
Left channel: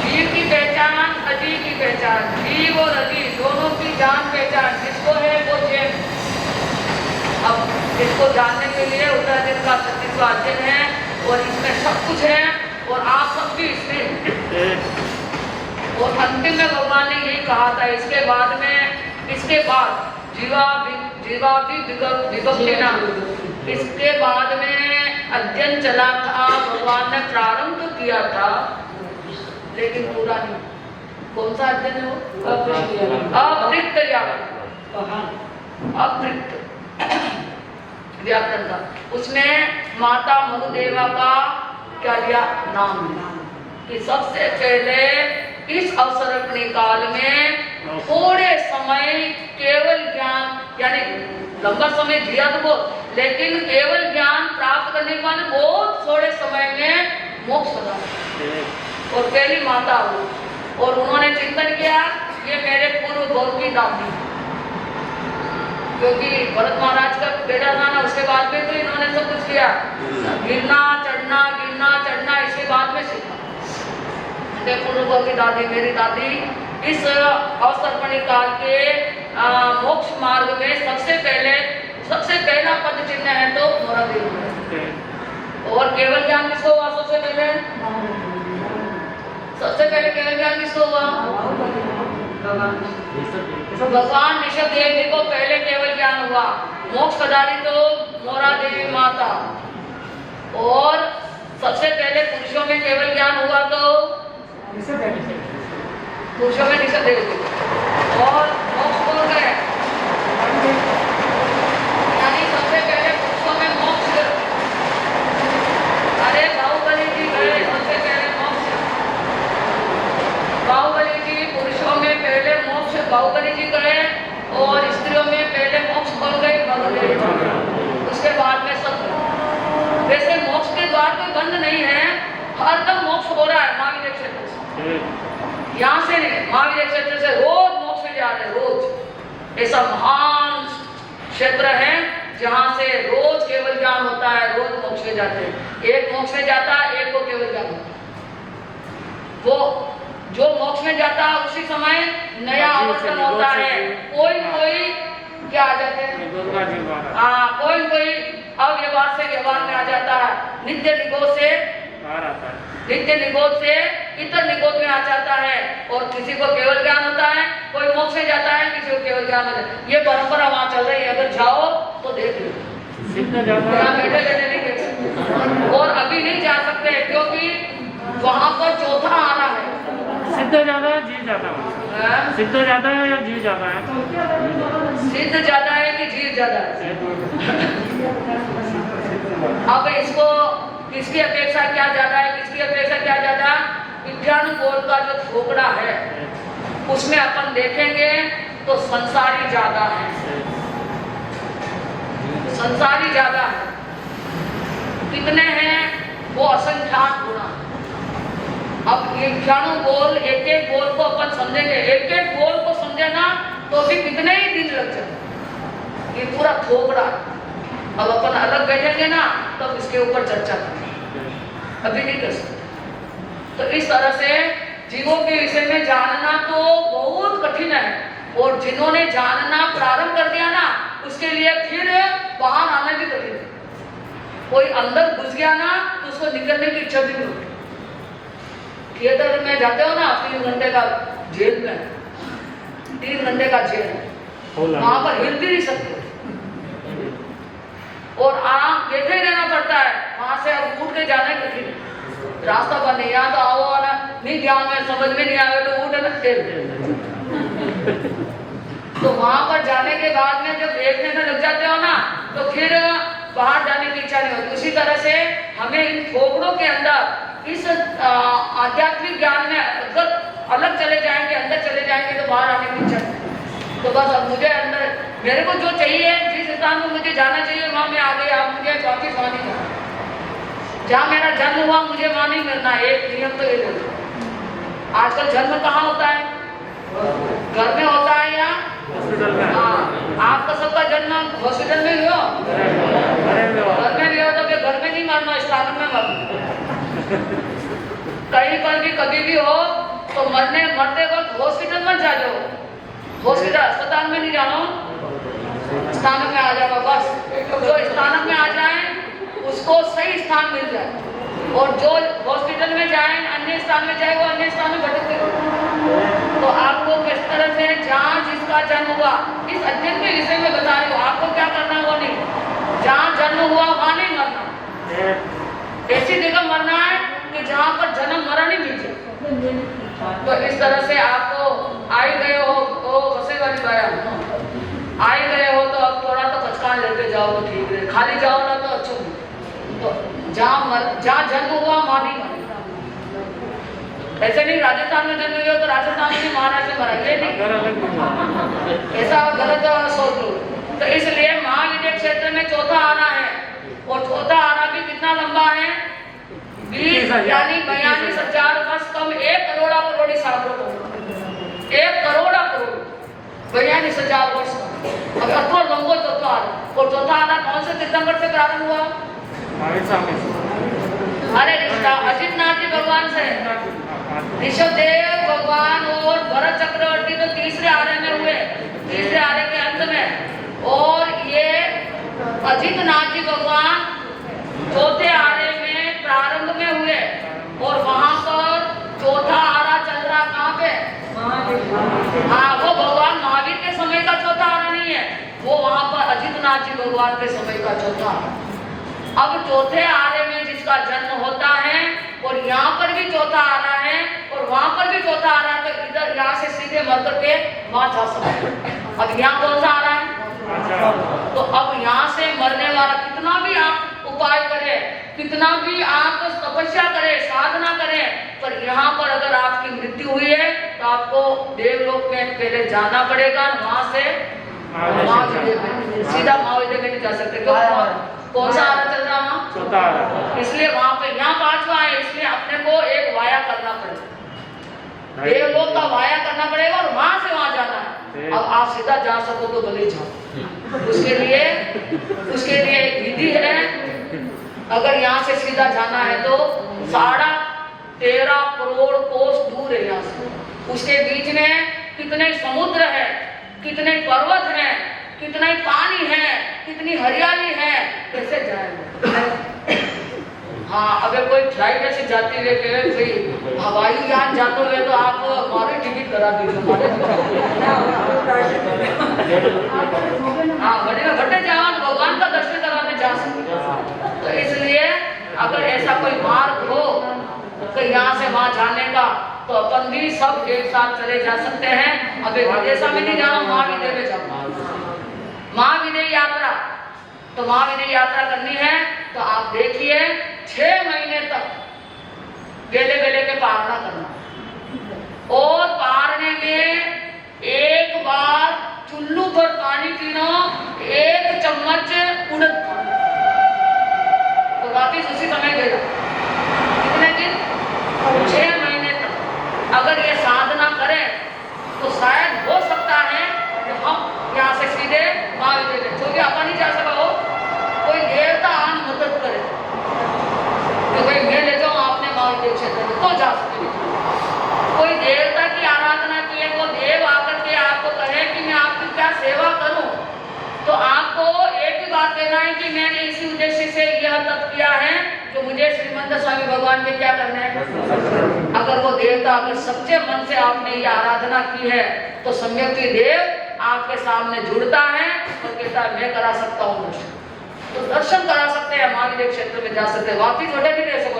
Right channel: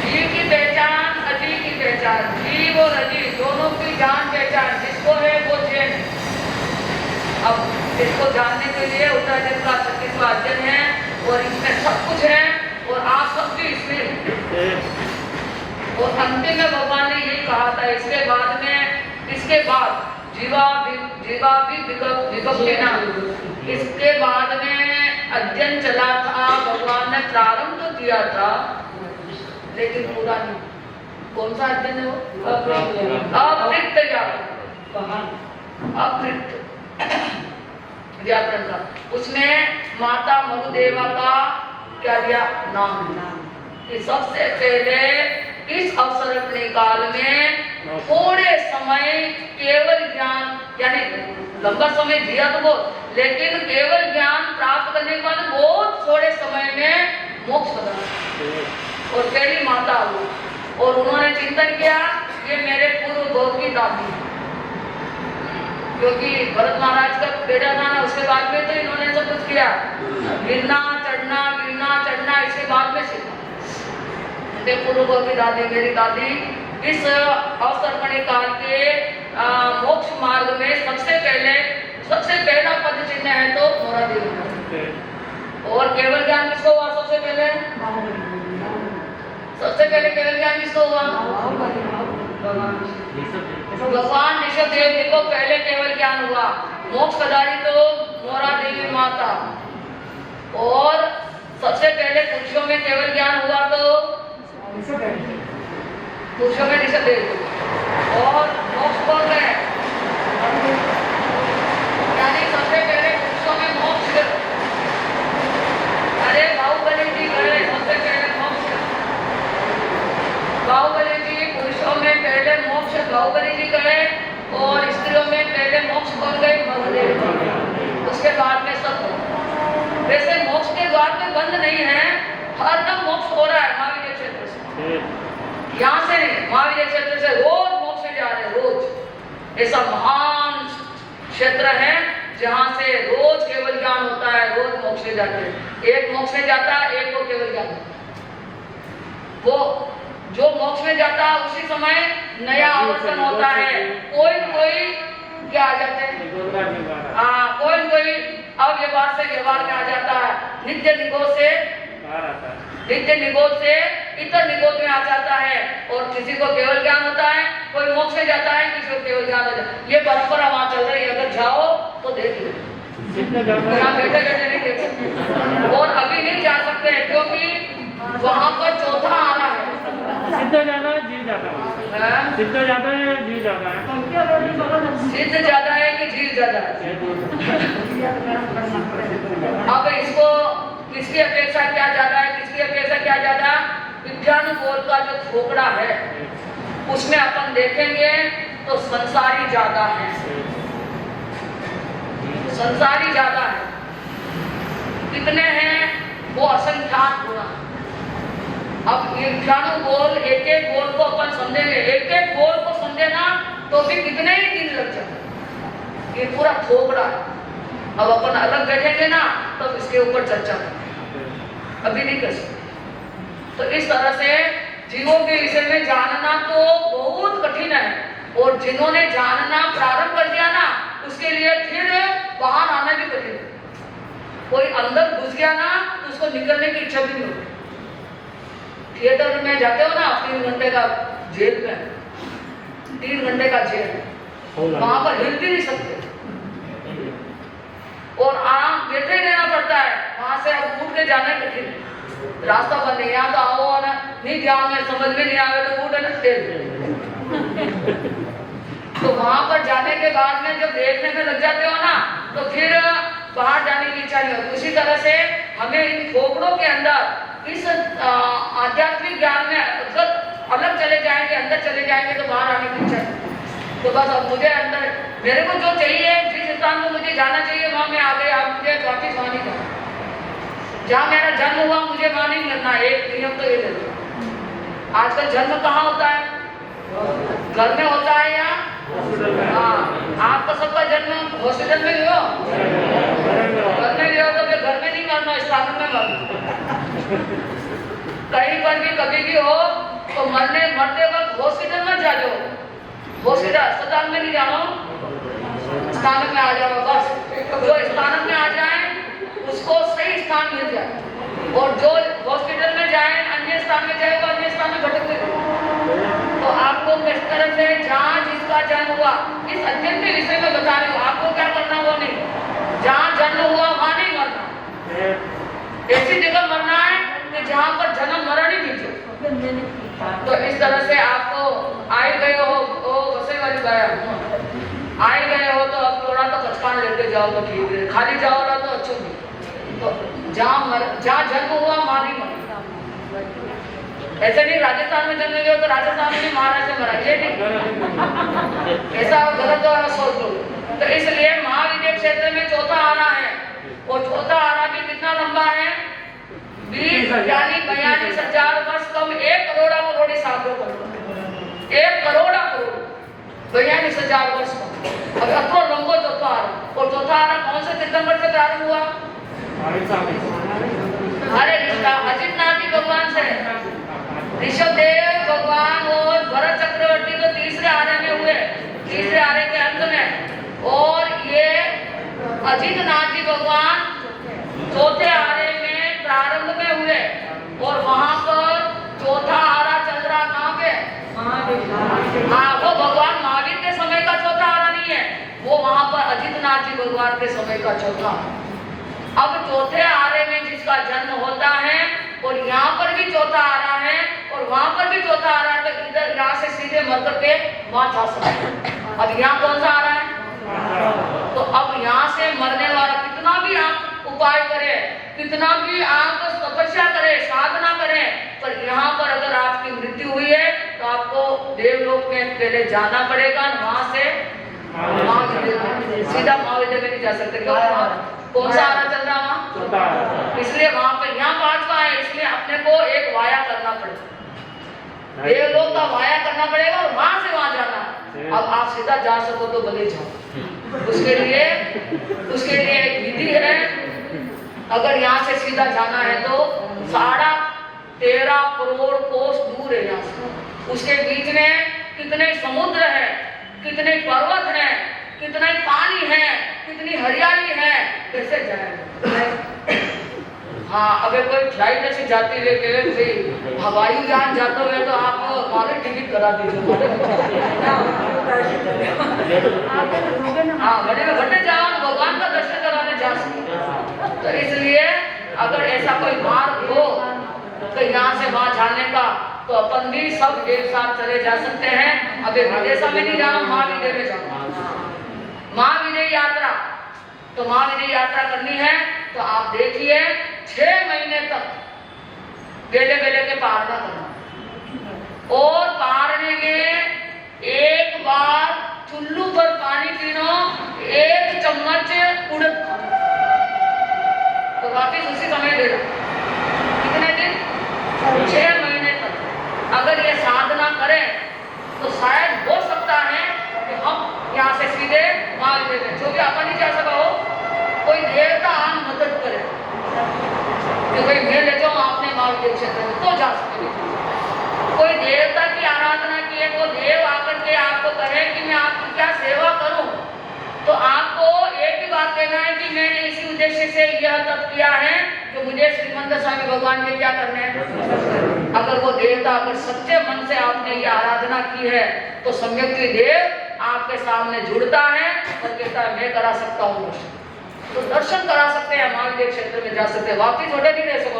जीव की पहचान, अजीव की पहचान, जीव और अजीव दोनों की जान पहचान जिसको है वो जैन। अब इसको जानने के लिए उत्तरायण का 36वां अध्ययन है और इसमें सब कुछ है और आप सब भी इसमें। और अंतिम में भगवान ने ये कहा था इसके बाद इसके बाद में अध्ययन चला था, भगवान ने प्रारंभ तो किया था लेकिन पूरा नहीं। कौन सा अध्ययन है वो? अपृक्त व्याकरण का। उसमें माता मनुदेवा का क्या दिया? नाम दिया। सबसे पहले इस अवसर काल में थोड़े समय केवल ज्ञान, यानी लंबा समय दिया तो बहुत, लेकिन केवल ज्ञान प्राप्त करने के बाद बहुत थोड़े समय में मोक्ष प्रदान। और पहली माता हुई और उन्होंने चिंतन किया ये मेरे पूर्व भव की दादी, क्योंकि भरत महाराज का बेटा था ना, उसके बाद में तो इन्होंने सब कुछ किया, गिरना चढ़ना इसके बाद में सीखा। पूर्व की दादी, मेरी दादी इस अवसर काल के मोक्ष मार्ग में सबसे पहला पद चिन्ह है तो मोरा देवी। और केवल ज्ञान किसको हुआ? सबसे पहले केवल ज्ञान किसको हुआ? भगवान ऋषभ देव जी को पहले केवल ज्ञान हुआ। मोक्ष पधारी तो मोरा देवी माता। और सबसे पहले पुरुषों में केवल ज्ञान हुआ तो पुरुषों में ऋषभ देव। और मोक्ष कौन गए? यानी सबसे पहले पुरुषों में मोक्ष, अरे बाहुबली जी गए सबसे पहले मोक्ष। बाहुबली जी पुरुषों में पहले मोक्ष बाहुबली जी गए और स्त्रियों में पहले मोक्ष कौन गए? भगदेव। उसके बाद में सब। वैसे मोक्ष के द्वार पे बंद नहीं है, हर दम मोक्ष हो रहा है महावीर क्षेत्र से। यहाँ से नहीं, महावीर क्षेत्र से रोज मोक्ष में जा रहे हैं, रोज। ऐसा महान क्षेत्र है जहाँ से रोज केवल ज्ञान होता है, रोज मोक्ष में जाते हैं। एक मोक्ष में जाता है, एक को केवल ज्ञान। वो जो मोक्ष में जाता है उसी समय नया आवर्तन होता है। कोई क्या आ जाते हैं? हाँ, कोई अव्यवहार से व्यवहार में आ जाता है, नित्य निगोद से इतर निगोद में आ जाता है। और किसी को केवल ज्ञान होता है, कोई मोक्ष में जाता है, किसी को केवल ज्ञान होता है। ये परंपरा वहां चल रही है, अगर जाओ तो देख लो। बैठे नहीं देख सकते और अभी नहीं जा सकते क्योंकि वहां पर चौथा आ रहा है। सिद्ध ज्यादा है जीव ज्यादा है? हाँ? सिद्ध ज्यादा है या जीव ज्यादा है? सिद्ध ज्यादा है कि जीव ज्यादा है? अब इसको किसकी अपेक्षा क्या ज्यादा है, किसकी अपेक्षा क्या ज्यादा? विज्ञानुबोध का जो ठोकरा है उसमें अपन देखेंगे तो संसारी ज्यादा है, संसारी ज्यादा है। कितने हैं? वो असंख्यात गुना। अब ये विज्ञानुबोध एक एक बोल को अपन समझेंगे, एक एक बोल को समझे ना तो भी कितने ही दिन लग जाए। ये पूरा ठोकरा। अब अपन अलग बैठेंगे ना तो इसके ऊपर चर्चा करेंगे, अभी नहीं कर सकते। तो इस तरह से जीवों के विषय में जानना तो बहुत कठिन है, और जिन्होंने जानना प्रारंभ कर दिया ना उसके लिए फिर बाहर आना भी कठिन है। कोई अंदर घुस गया ना तो उसको निकलने की इच्छा भी नहीं होती। थिएटर में जाते हो ना, 3 घंटे का जेल में, 3 घंटे का जेल है, वहां पर हिल भी नहीं सकते और आराम बैठे रहना पड़ता है। वहां से अब उठ के जाना ही कठिन है, रास्ता बंद है। यहाँ तो आओ ना, नहीं ध्यान में समझ में नहीं आवे तो उठे ना टेल। तो वहां पर जाने के बाद में जब देखने में लग जाते हो ना तो फिर बाहर जाने की इच्छा नहीं होती। उसी तरह से हमें इन ठोकरों के अंदर इस आध्यात्मिक ज्ञान में अगर अलग चले जाएंगे, अंदर चले जाएंगे तो बाहर आने की इच्छा नहीं। तो बस अब मुझे अंदर मेरे को जो चाहिए, जिस स्थान को मुझे जाना चाहिए वहां मैं आ गई। आप मुझे वापिस वहां नहीं करना, जहाँ मेरा जन्म हुआ मुझे वहां नहीं करना। एक नियम तो ये ले लो। आजकल जन्म कहाँ होता है? घर में होता है या? हाँ, आपका सबका जन्म हॉस्पिटल में ही हो, घर में भी हो तो फिर घर में नहीं मरना, स्थान में मरना। कहीं पर भी कभी भी हो तो मरते वक्त हॉस्पिटल में जा जाओ, हॉस्पिटल अस्पताल में नहीं जाना, स्थान में आ जाओ। बस जो स्थान में आ जाए उसको सही स्थान मिल जाए, और जो हॉस्पिटल में जाए, अन्य स्थान में जाए, वो अन्य स्थान में भटकते रहे। तो आपको किस तरह से जहाँ जिसका जन्म हुआ इस अध्ययन के विषय में बता रहे हो, आपको क्या करना वो नहीं। जहाँ जन्म हुआ वहां नहीं मरना, ऐसी जगह मरना है कि जहाँ पर जन्म मरण ही नहीं चाहिए। तो इस तरह से आपको आए गए हो, वैसे वाली बात आए गए हो तो अब थोड़ा तो पचकान लेते जाओ तो ठीक है, खाली जाओ ना तो अच्छा। तो जहाँ जन्म हुआ वहां नहीं मरे। ऐसे नहीं राजस्थान में जन्म हुए तो राजस्थान में नहीं, महाराष्ट्र में मरा, ये नहीं, ऐसा गलत सोच लो। तो इसलिए महाविद्य क्षेत्र में चौथा आना है, और चौथा आना भी कितना लंबा है? 20 यानी 42,000 वर्ष कम 1 करोड़ करोड़ सालों को, 1 करोड़ करोड़ 42,000 वर्ष कम। अब अतो लंबो चौथा आना, और चौथा आना कौन से सितंबर से प्रारंभ हुआ? अरे अजितनाथ जी भगवान से, ऋषभदेव भगवान और भरत चक्रवर्ती तो तीसरे आरे में हुए, तीसरे आरे के अंत में, और ये अजितनाथ जी भगवान चौथे आरे में प्रारंभ में हुए। और वहां पर चौथा आरा चल रहा कहाँ पे? हाँ, वो भगवान महावीर के समय का चौथा आरा नहीं है, वो वहां पर अजितनाथ जी भगवान के समय का चौथा। अब चौथे आरे में जिसका जन्म होता है, और यहाँ पर भी चौथा आ रहा है, और वहां पर भी चौथा आ रहा है, तो इधर यहाँ से सीधे मर करके वहां जा सकते। अब यहाँ कौन सा आ रहा है? तो अब यहाँ से मरने वाला कितना भी आप उपाय करे, कितना भी आप तपस्या करे, साधना करे, पर यहाँ पर अगर आपकी मृत्यु हुई है तो आपको देवलोक में पहले जाना पड़ेगा, वहां से सीधा महाविद्या में नहीं जा सकते। क्यों? कौन सा आरा चल रहा वहाँ? इसलिए वहां पे यहाँ 5वां है, इसलिए अपने को एक वाया करना पड़ेगा, देवलोक का वाया करना पड़ेगा, और वहां से वहां जाना है। अब आप सीधा जा सको तो भले जाओ, उसके लिए एक विधि है। अगर यहाँ से सीधा जाना है तो 13.5 करोड़ कोस दूर है यहाँ से, उसके बीच में कितने समुद्र है, कितने पर्वत है, कितना ही पानी है, कितनी हरियाली है, कैसे जाएंगे? हाँ, अगर कोई फ्लाइट से जाते हुए हवाई जहाज जाते हुए तो आप हमारे टिकट करा दीजिए, हाँ, घटे जाओ, भगवान का दर्शन कराने जा सकते। तो इसलिए अगर ऐसा कोई मार्ग हो तो यहाँ से वहां जाने का, तो अपन भी सब एक साथ चले जा सकते हैं। अभी विदेशा में नहीं जाना, महाविद्य में जाना, महाविद्य यात्रा। तो महाविद्य यात्रा करनी है तो आप देखिए 6 महीने तक बेले बेले के पारना करना, और पारने में एक बार चुल्लू पर पानी पीना, 1 चम्मच उड़द खाना, तो वापिस उसी समय गिरा। कितने दिन? 6 महीने तक अगर ये साधना करें तो शायद हो सकता है कि हम यहाँ से सीधे महाविद्य में, जो भी आपा नहीं जा सका हो, कोई देवता आन मदद करे कि भाई मैं ले जाऊँ आपने महाविद्य क्षेत्र में, तो जा सकेंगे। कोई देवता की आराधना किए, वो देव आकर के आपको कहे कि मैं आपकी क्या सेवा करूं, तो आपको एक ही बात कहना है कि मैंने इसी उद्देश्य से यह तप किया है कि मुझे श्रीमंत स्वामी भगवान के क्या करने हैं। अगर वो देवता अगर सच्चे मन से आपने ये आराधना की है तो सम्यक देव आपके सामने जुड़ता है और कहता है मैं करा सकता हूँ, तो दर्शन करा सकते हैं, महाविद्य क्षेत्र में जा सकते हैं। वापिस वटे नहीं रह सको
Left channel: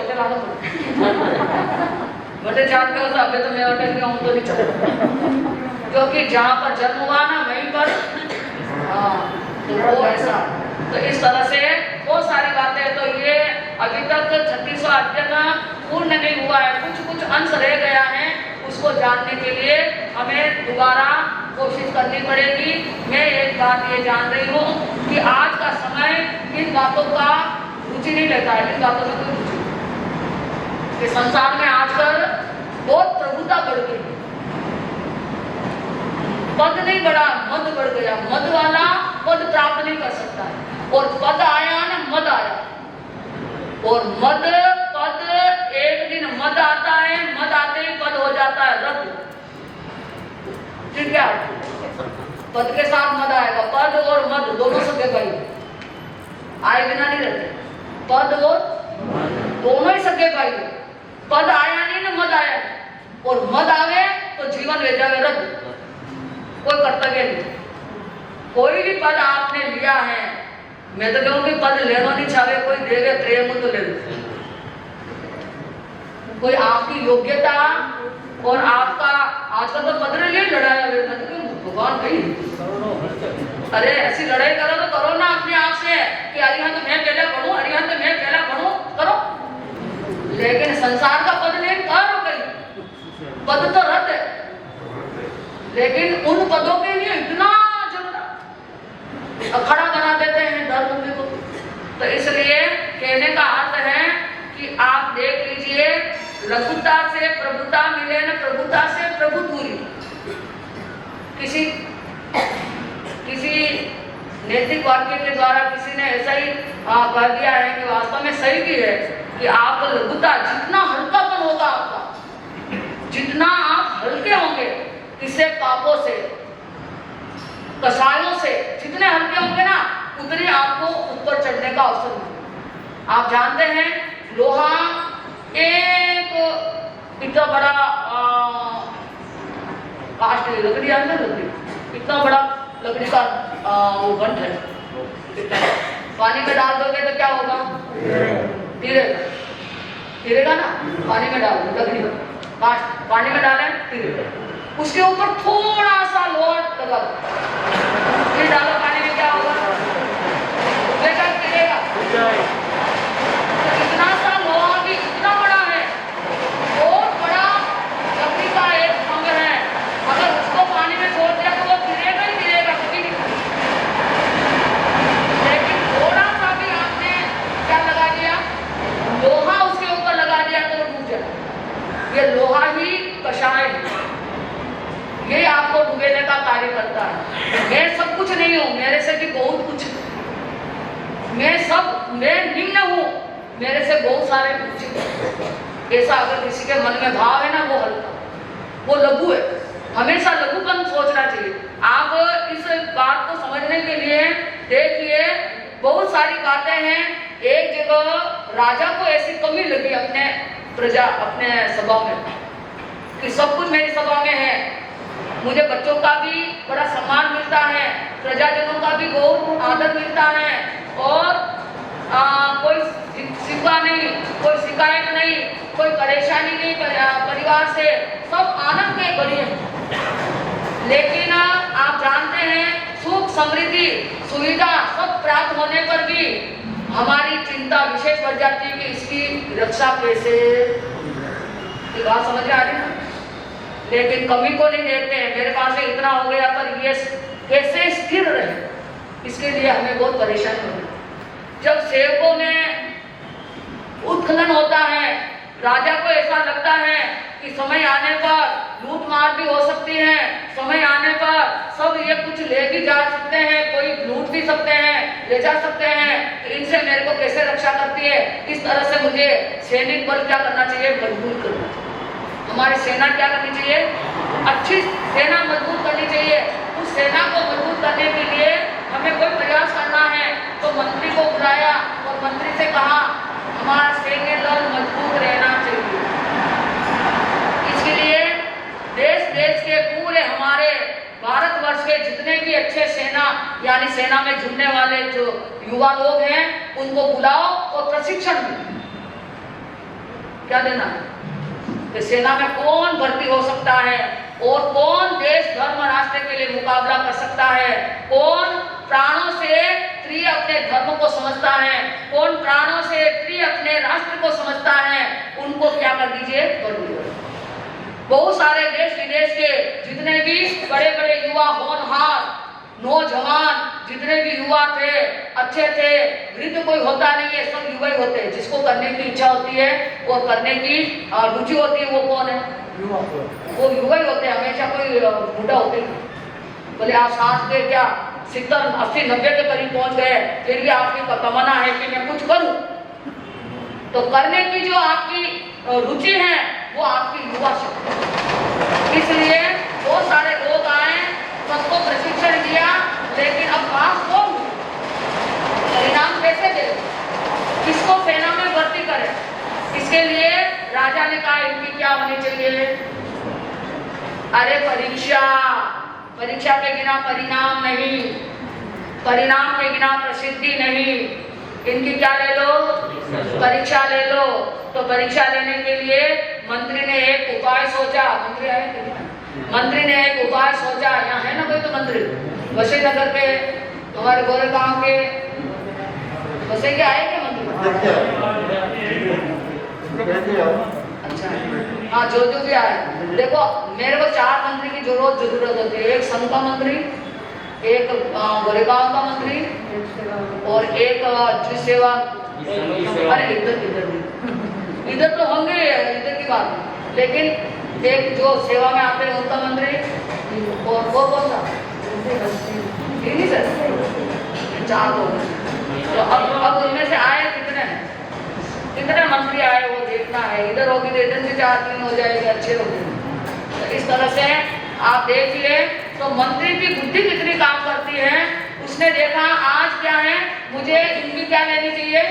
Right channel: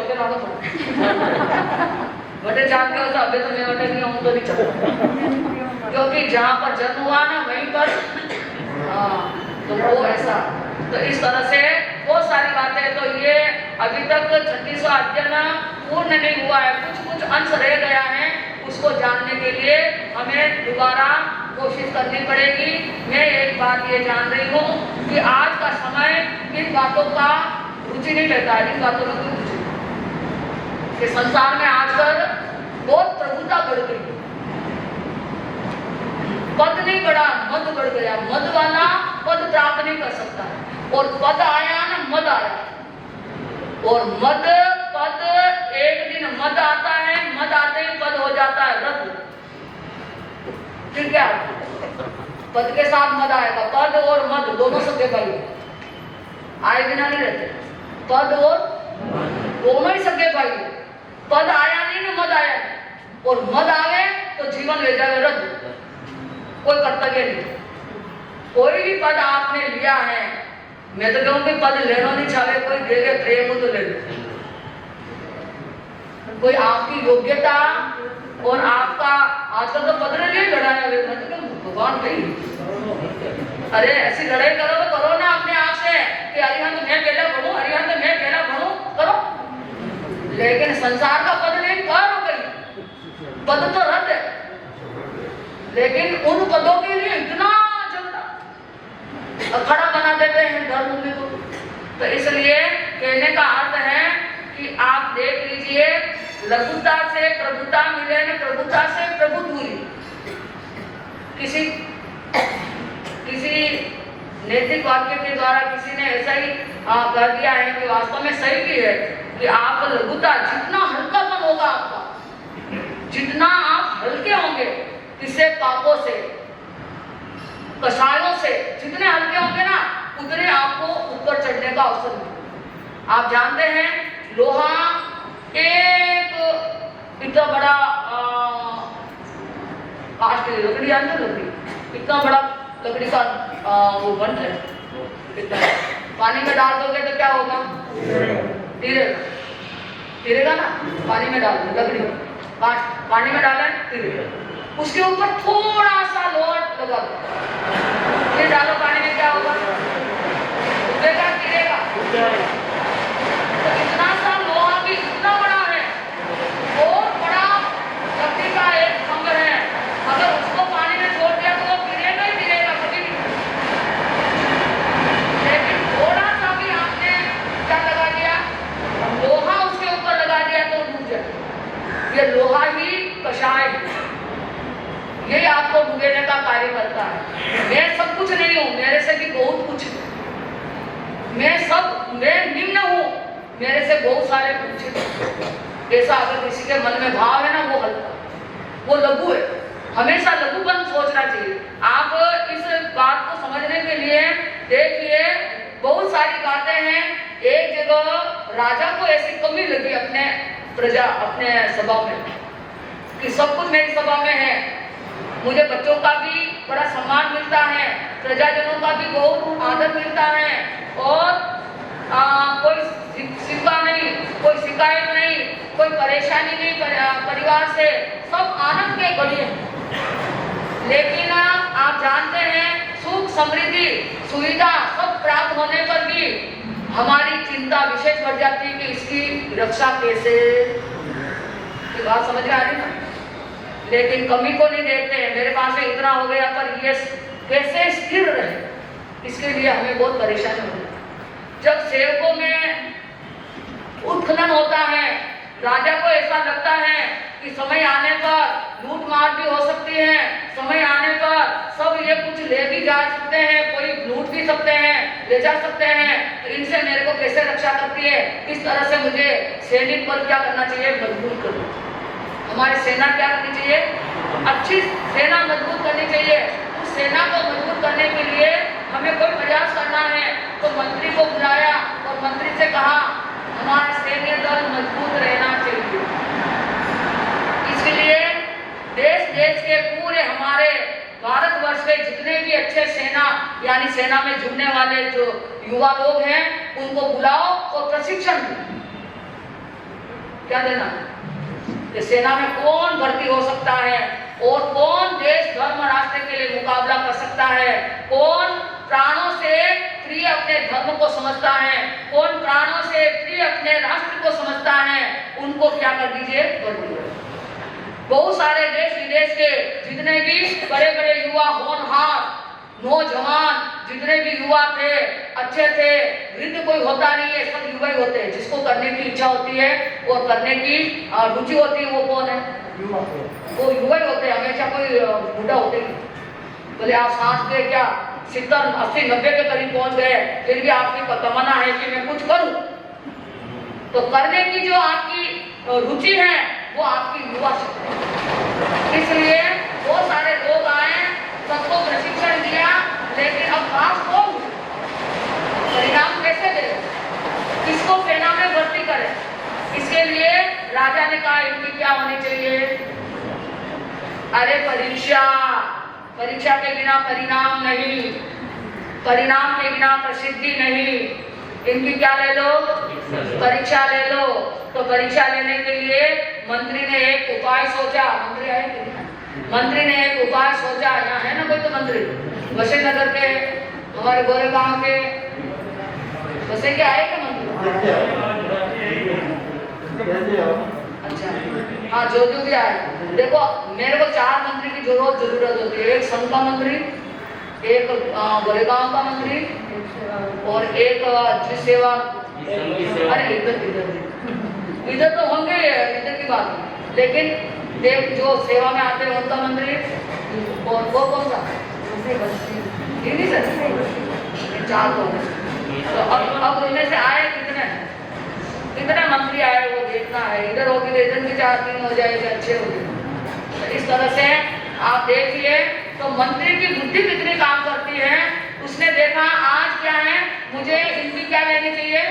बटे जान के अभी तो मैं अटक गया हूँ तो नहीं चलता, क्योंकि जहाँ पर जन्म हुआ ना वहीं पर तो वो ऐसा। तो इस तरह से बहुत सारी बातें, तो ये अभी तक 36वां अध्ययन पूर्ण नहीं हुआ है, कुछ अंश रह गया है, उसको जानने के लिए हमें दोबारा कोशिश करनी पड़ेगी। मैं एक बात ये जान रही हूँ कि आज का समय इन बातों का रुचि नहीं लेता है, इन बातों में रुचि कि संसार में आजकल बहुत प्रभुता बढ़ गई, पद नहीं बढ़ा, मद बढ़ गया। मद वाला पद प्राप्त नहीं कर सकता है, और पद आया ना मद आया, और मद पद एक दिन मद आता है, मद आते ही पद हो जाता है रद्द। फिर क्या पद के साथ मद आएगा, पद और मद दोनों सगे भाई आए बिना नहीं रहते, पद और दोनों ही सगे भाई। पद आया नहीं ना मद आया, और मद आवे तो जीवन ले जावे रद्द, कोई कर्तव्य नहीं। कोई भी पद आपने लिया है, मैं तो कहूँ कि पद लेना नहीं चाहे, कोई देवे प्रेम तो ले लो, कोई आपकी योग्यता और आपका आजकल तो पद ने लिए लड़ाया भगवान भाई, अरे ऐसी लड़ाई करो तो करो ना अपने आप से कि अरिहंत मैं पहला बढ़ूं, अरिहंत मैं पहला बढ़ूं, करो। लेकिन संसार का पद नहीं करो, कहीं पद तो रद्द है, लेकिन उन पदों के लिए इतना अखड़ा बना देते हैं डर मुक्ति को। तो इसलिए कहने का अर्थ है कि आप देख लीजिए, लघुता से प्रभुता मिले न प्रभुता से प्रभु दूरी। किसी नैतिक वाक्य के द्वारा किसी ने ऐसा ही कह दिया है कि वास्तव में सही भी है कि आप लघुता, जितना हल्कापन होगा आपका, जितना आप हल्के होंगे किसी पापों से, कषायों से, जितने हल्के होंगे ना उतने आपको ऊपर चढ़ने का अवसर मिलेगा। आप जानते हैं लोहा एक इतना बड़ा कास्ट लकड़ी लकड़ी, इतना बड़ा लकड़ी का वो बंट है, पानी में डाल दोगे तो क्या होगा? तिरेगा ना, पानी में डाल दो लकड़ी कास्ट, पानी में डालें तिरेगा, उसके ऊपर थोड़ा सा लोहा लगा दो, फिर डालो पानी में, क्या होगा? बेटा गिरेगा। तो इतना सा लोहा भी इतना बड़ा है, बहुत बड़ा लकड़ी का एक खंभा है, अगर उसको पानी में छोड़ दिया तो वो गिरेगा ही गिरेगा, कभी नहीं। लेकिन थोड़ा सा भी आपने क्या लगा दिया, लोहा उसके ऊपर लगा दिया तो डूब जाए। ये लोहा ही कषाय है, ये आपको डूबेने का कार्य करता है। मैं सब कुछ नहीं हूँ, मेरे से भी बहुत कुछ, मैं निम्न हूँ, मेरे से बहुत सारे कुछ। ऐसा अगर किसी के मन में भाव है ना, वो हल्का, वो लघु है, हमेशा लघुपन सोचना चाहिए। आप इस बात को समझने के लिए देखिए, बहुत सारी बातें हैं। एक जगह राजा को ऐसी कमी लगी अपने प्रजा, अपने सभा में, कि सब कुछ मेरी सभा में है, मुझे बच्चों का भी बड़ा सम्मान मिलता है, प्रजाजनों का भी बहुत आदर मिलता है, और कोई शिकवा नहीं, कोई शिकायत नहीं, कोई परेशानी नहीं, परिवार परिवार से सब आनंद के घड़ी हैं। लेकिन आप जानते हैं सुख समृद्धि सुविधा सब प्राप्त होने पर भी हमारी चिंता विशेष बढ़ जाती है कि इसकी रक्षा कैसे, ये बात समझ में आ रही ना। लेकिन कमी को नहीं देखते हैं, मेरे पास से इतना हो गया पर ये कैसे स्थिर रहे, इसके लिए हमें बहुत परेशानी होती है। जब सेवकों में उत्खनन होता है, राजा को ऐसा लगता है कि समय आने पर लूट मार भी हो सकती है, समय आने पर सब ये कुछ ले भी जा सकते हैं, कोई लूट भी सकते हैं, ले जा सकते हैं, तो इनसे मेरे को कैसे रक्षा करती है। इस तरह से मुझे सैनिक बल क्या करना चाहिए, मजबूत करना चाहिए। हमारी सेना क्या करनी चाहिए, अच्छी सेना मजबूत करनी चाहिए। उस सेना को मजबूत करने के लिए हमें कोई प्रयास करना है, तो मंत्री को बुलाया और मंत्री से कहा हमारा सैन्य दल मजबूत रहना चाहिए। इसके लिए देश देश के पूरे हमारे भारतवर्ष के जितने भी अच्छे सेना यानी सेना में जुड़ने वाले जो युवा लोग हैं उनको बुलाओ और प्रशिक्षण दो। क्या देना है कि सेना में कौन भर्ती हो सकता है और कौन देश धर्म राष्ट्र के लिए मुकाबला कर सकता है, कौन प्राणों से प्रिय अपने धर्म को समझता है, कौन प्राणों से प्रिय अपने राष्ट्र को समझता है, उनको क्या कर दीजिए, भर्ती करो। बहुत सारे देश विदेश के जितने भी बड़े बड़े युवा होनहार नौजवान जितने भी युवा थे अच्छे थे, वृद्ध कोई होता नहीं है, सब युवा ही होते हैं। जिसको करने की इच्छा होती है और करने की रुचि होती है वो कौन है, वो युवा ही होते हैं, हमेशा कोई बूढ़ा होते ही। बोले आप सांस के क्या 70, 80, 90 के करीब पहुंच गए, फिर भी आपकी तमन्ना है कि मैं कुछ करूं, तो करने की जो आपकी रुचि है वो आपकी युवा शक्ति है। इसलिए बहुत सारे लोग आए, सबको प्रशिक्षण दिया, लेकिन अब पास कौन, परिणाम कैसे दे, किसको सेना में भर्ती करें। इसके लिए राजा ने कहा इनकी क्या होनी चाहिए, अरे परीक्षा, परीक्षा के बिना परिणाम नहीं, परिणाम के बिना प्रसिद्धि नहीं। इनकी क्या ले लो, परीक्षा ले लो। तो परीक्षा लेने के लिए मंत्री ने एक उपाय सोचा, मंत्री आए थे, मंत्री ने एक उपाय सोचा। यहाँ है ना कोई तो मंत्री, वशिष्ठ नगर के, हमारे गोरेगांव के, वैसे क्या आए क्या मंत्री? अच्छा हाँ, जो भी आए। देखो मेरे को 4 मंत्री की जरूरत होती है, एक संघ का मंत्री, एक गोरेगांव का मंत्री और एक द्विज सेवा। अरे इधर तो होंगे, इधर की बात है, लेकिन एक जो सेवा में आते हैं उनका मंत्री और वो कौन सा, नहीं सर 4 लोग। तो अब उनमें से आए कितने मंत्री आए वो देखना है। इधर होगी तो इधर भी 4-3 हो जाएंगे, अच्छे होंगे। तो इस तरह से आप देखिए तो मंत्री की बुद्धि कितनी काम करती है। उसने देखा आज क्या है, मुझे इनकी क्या लेनी चाहिए,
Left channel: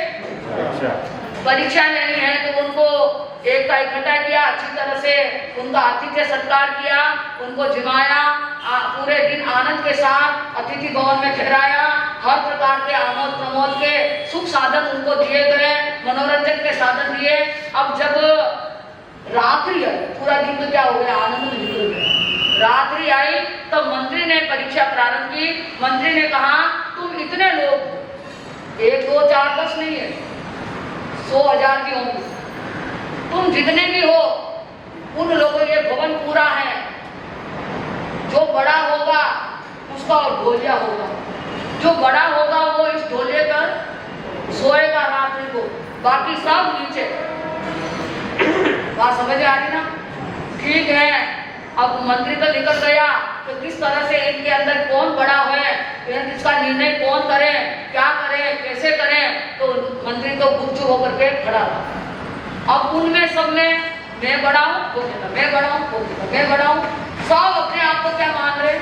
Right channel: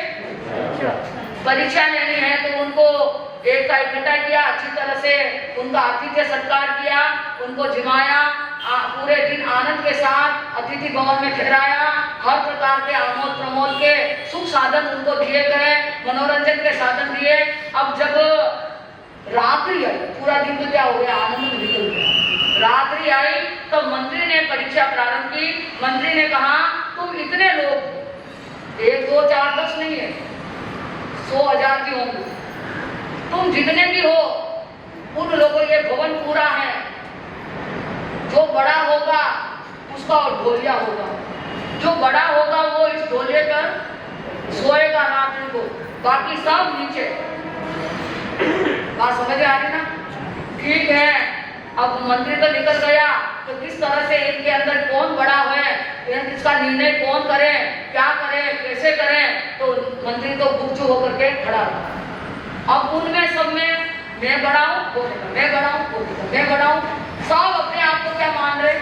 परीक्षा लेनी है। तो उनको एक का इकट्ठा किया, अच्छी तरह से उनका आतिथ्य सत्कार किया, उनको जिमाया, पूरे दिन आनंद के साथ अतिथि भवन में ठहराया, हर प्रकार के आमोद प्रमोद के सुख साधन उनको दिए गए, मनोरंजन के साधन दिए। अब जब रात्रि आई, पूरा दिन तो क्या हो गया, आनंद में निकल गया। रात्रि आई तब मंत्री ने परीक्षा प्रारंभ की। मंत्री ने कहा तुम इतने लोग, 1, 2, 4, 10 नहीं है, 100,000 भी होंगे, तुम जितने भी हो उन लोगों, ये भवन पूरा है, जो बड़ा होगा उसका और ढोलिया होगा, जो बड़ा होगा वो इस ढोलिए पर सोएगा रात्रि को, बाकी सब नीचे। बात समझ आ रही ना? ठीक है, अब मंत्री तो निकल गया, तो किस तरह से इनके अंदर कौन बड़ा है, इसका निर्णय कौन करे, क्या करे, कैसे करे। तो मंत्री तो गुपचुप होकर के खड़ा रहा। अब उनमें सब में मैं बड़ा हूँ, वो कहता मैं बड़ा हूँ, वो कहता मैं बड़ा हूँ, सब अपने आप को क्या मान रहे,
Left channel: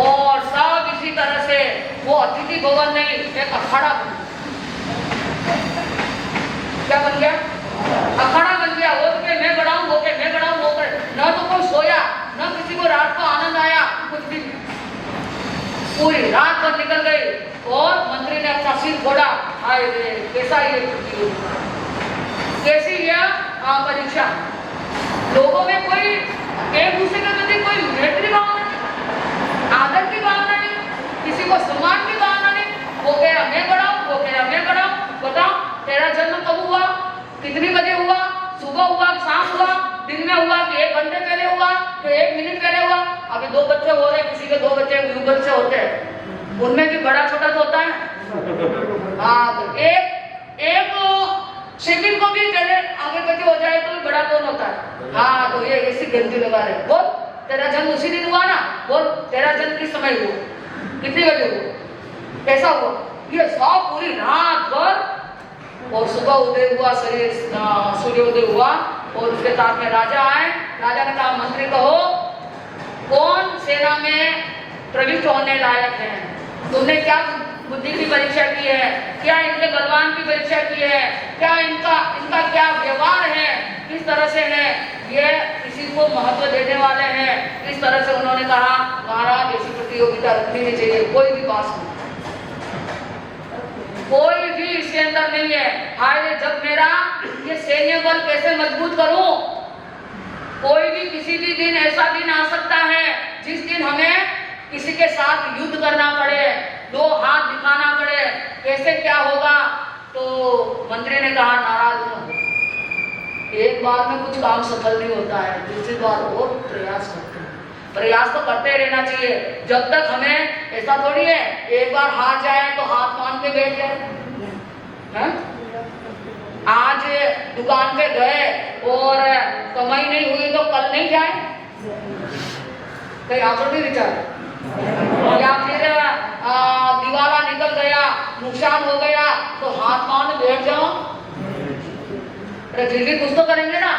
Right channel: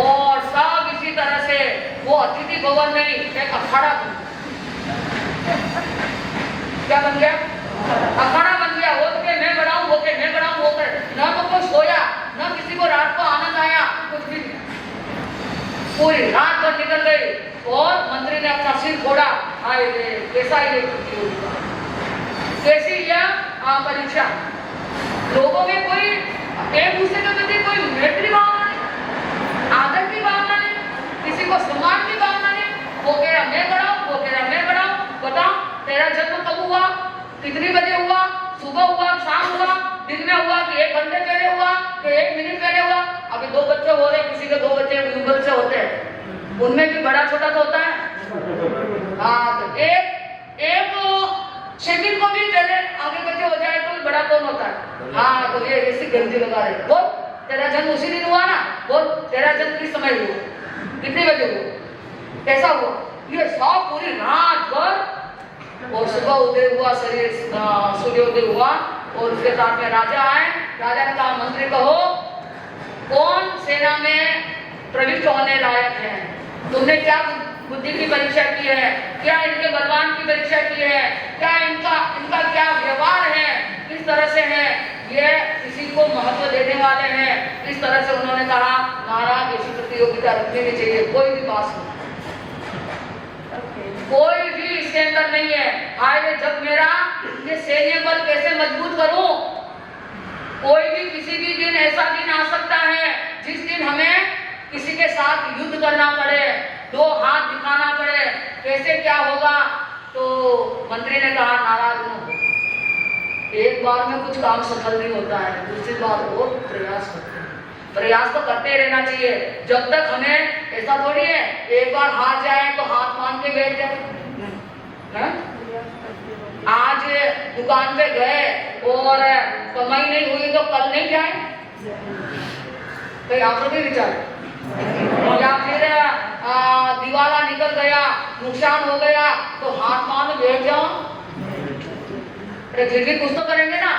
और सब इसी तरह से वो अतिथि भवन नहीं, एक अखाड़ा बन गया। क्या बन गया, अखाड़ा बन गया। वो तो के मैं बड़ा हूँ, वो के मैं बड़ा हूँ, वो के न तो कोई सोया, न किसी को रात को आनंद आया, कुछ भी नहीं। पूरी रात भर निकल गई और मंत्री ने अपना सिर फोड़ा, हाय कैसा ये कैसी यह परीक्षा, लोगों में कोई एक दूसरे के प्रति कोई मैत्री भावना नहीं, आदर की भावना नहीं, किसी को सम्मान की भावना नहीं। वो कह रहा मैं बड़ा हूं, वो कह रहा मैं बड़ा हूं। बताओ तेरा जन्म कब हुआ, कितनी बजे हुआ, सुबह हुआ, शाम हुआ, दिन में हुआ कि 1 घंटे पहले हुआ कि 1 मिनट पहले हुआ। अभी 2 बच्चे हो रहे, किसी के 2 बच्चे युगल से होते हैं, उनमें भी बड़ा छोटा तो होता है। हाँ, तो एक सेकंड को भी पहले आगे बच्चे हो जाए तो बड़ा कौन होता है। हाँ, तो ये ऐसी गंदी लगा रहे। बोल तेरा जन्म उसी दिन हुआ ना, बोल तेरा जन्म किस समय हुआ, कितनी बजे हुआ, कैसा हुआ, ये सब पूरी रात भर। और सुबह उदय हुआ, शरीर सूर्योदय हुआ और उसके साथ में राजा आए। राजा ने कहा मंत्री कहो कौन सेना में प्रविष्ट होने लायक है, तुमने क्या बुद्धि की परीक्षा की है, क्या इनके बलवान की परीक्षा की है, क्या इनका क्या व्यवहार है, किस तरह से है, ये किसी को महत्व देने वाले हैं। इस तरह से उन्होंने कहा महाराज ऐसी प्रतियोगिता रखनी नहीं चाहिए, कोई भी पास नहीं, कोई भी इसके अंदर नहीं है। हाय जब मेरा ये सैन्य बल कैसे मजबूत करूं, कोई भी किसी भी दिन ऐसा दिन आ सकता है जिस दिन हमें किसी के साथ युद्ध करना पड़े, 2 हाथ दिखाना पड़े, कैसे क्या होगा। तो मंत्री ने कहा नाराज न हो, एक बार में कुछ काम सफल नहीं होता है, दूसरी बार और प्रयास करते हैं। प्रयास तो करते ही रहना चाहिए। जब तक हमें ऐसा थोड़ी है एक बार हार जाए तो हाथ मान के बैठ जाए। आज दुकान पे गए और कमाई नहीं हुई तो कल नहीं जाए, कहीं आप नहीं विचार, या फिर दिवाला निकल गया, नुकसान हो गया तो हाथ मान बैठ जाओ, फिर भी कुछ तो करेंगे ना।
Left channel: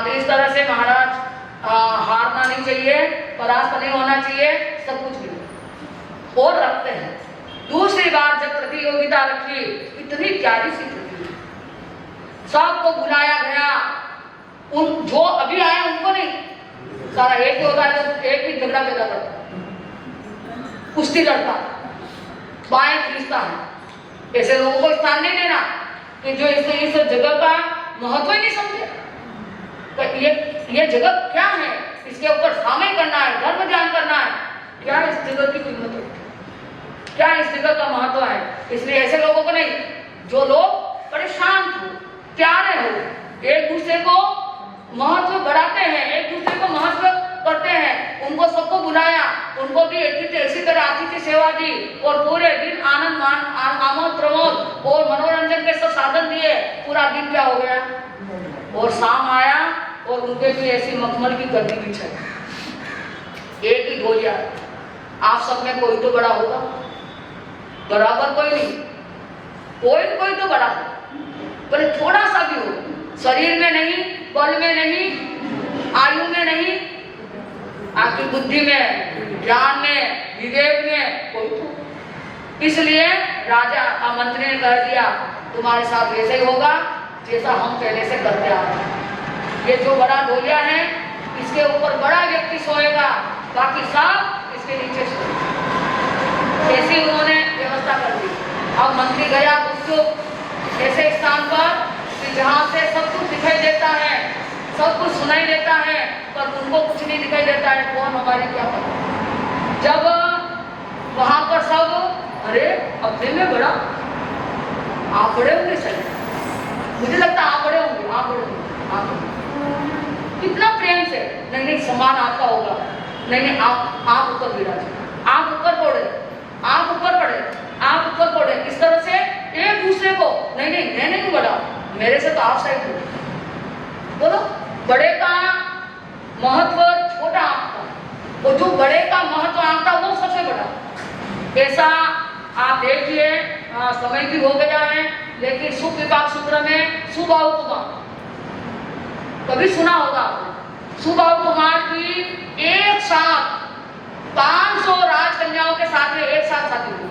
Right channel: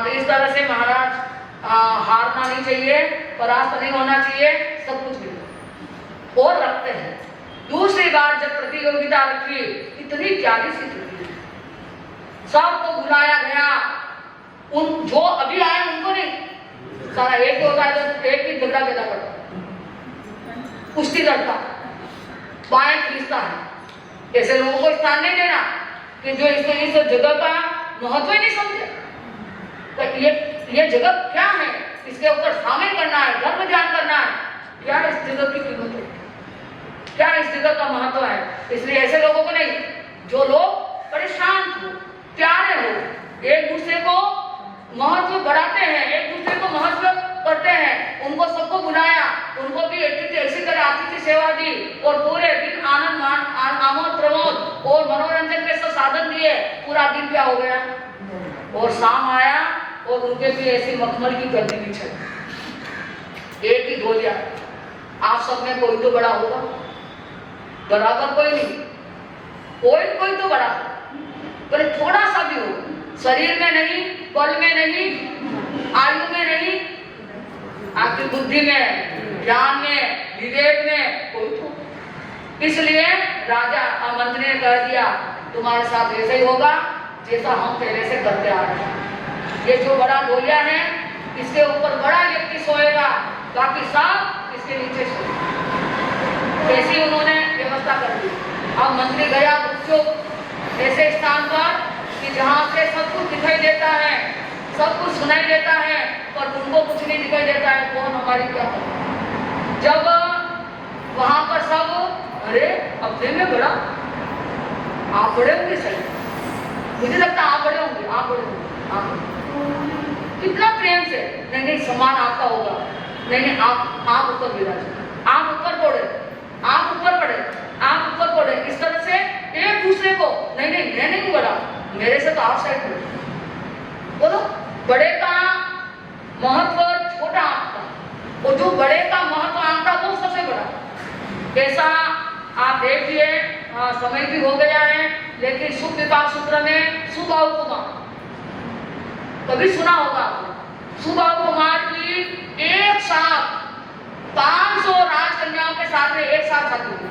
तो इस तरह से महाराज हारना नहीं चाहिए, परास्त नहीं होना चाहिए, सब कुछ भी और रखते हैं। दूसरी बात जब प्रतियोगिता रखी, इतनी प्यारी सी थी, सबको बुलाया गया, उन जो अभी आए उनको नहीं, सारा एक ही होता है तो एक ही झगड़ा पैदा करता है, कुश्ती लड़ता है, बाएं खींचता है। ऐसे लोगों को स्थान नहीं देना कि जो इस जगह का महत्व ही नहीं समझे। तो ये जगह क्या है, इसके ऊपर शामिल करना है, धर्म ध्यान करना है, क्या इस जगह की कीमत है, क्या इस जगह का महत्व है। इसलिए ऐसे लोगों को नहीं, जो लोग बड़े शांत हो, प्यारे हो, एक दूसरे को महत्व बढ़ाते हैं, एक दूसरे को महत्व करते हैं, उनको सबको बुलाया, उनको भी इसी तरह आतिथ्य सेवा दी और पूरे दिन आनंद आमोद प्रमोद और मनोरंजन के सब साधन दिए। पूरा दिन क्या हो गया और शाम आया और उनके भी ऐसी मखमल की गर्दी बिछाई, एक ही गोलियां। आप सब में कोई तो बड़ा होगा, बराबर कोई नहीं, कोई तो बड़ा हो, पर थोड़ा सा भी हो, शरीर में नहीं, बल में नहीं, आयु में नहीं, आपकी बुद्धि में, ज्ञान में, विवेक में कोई तो। इसलिए राजा मंत्री ने कह दिया तुम्हारे साथ वैसे ही होगा जैसा हम पहले से करते आ रहे हैं। ये जो बड़ा गोलिया है इसके ऊपर बड़ा व्यक्ति सोएगा, बाकी सब इसके नीचे सोएगा। ऐसे ही उन्होंने व्यवस्था कर दी। अब मंत्री गया गुपचुप ऐसे स्थान पर कि जहाँ से सब कुछ दिखाई देता है, सब कुछ सुनाई देता है, पर उनको कुछ नहीं दिखाई देता है कौन हमारी क्या पता। जब वहां पर सब अरे अपने में बड़ा, आप बड़े होंगे सही, मुझे लगता है आप बड़े होंगे, आप बड़े होंगे, आप कितना प्रेम से, नहीं सम्मान आपका होगा, नहीं आप ऊपर विराजे, आप ऊपर पड़े, आप ऊपर पड़े, आप ऊपर पड़े, इस तरह से एक दूसरे को नहीं मैं नहीं बड़ा, मेरे से तो आप साइड हो। बोलो बड़े का महत्व छोटा आंकता, और जो बड़े का महत्व आंकता वो सबसे बड़ा। ऐसा आप देखिए, समय भी हो गया है, लेकिन सुख विपाक सूत्र में सुबाहु कुमार कभी सुना होगा, सुबाहु कुमार की एक साथ 500 राजकन्याओं के साथ में एक साथ शादी हुई,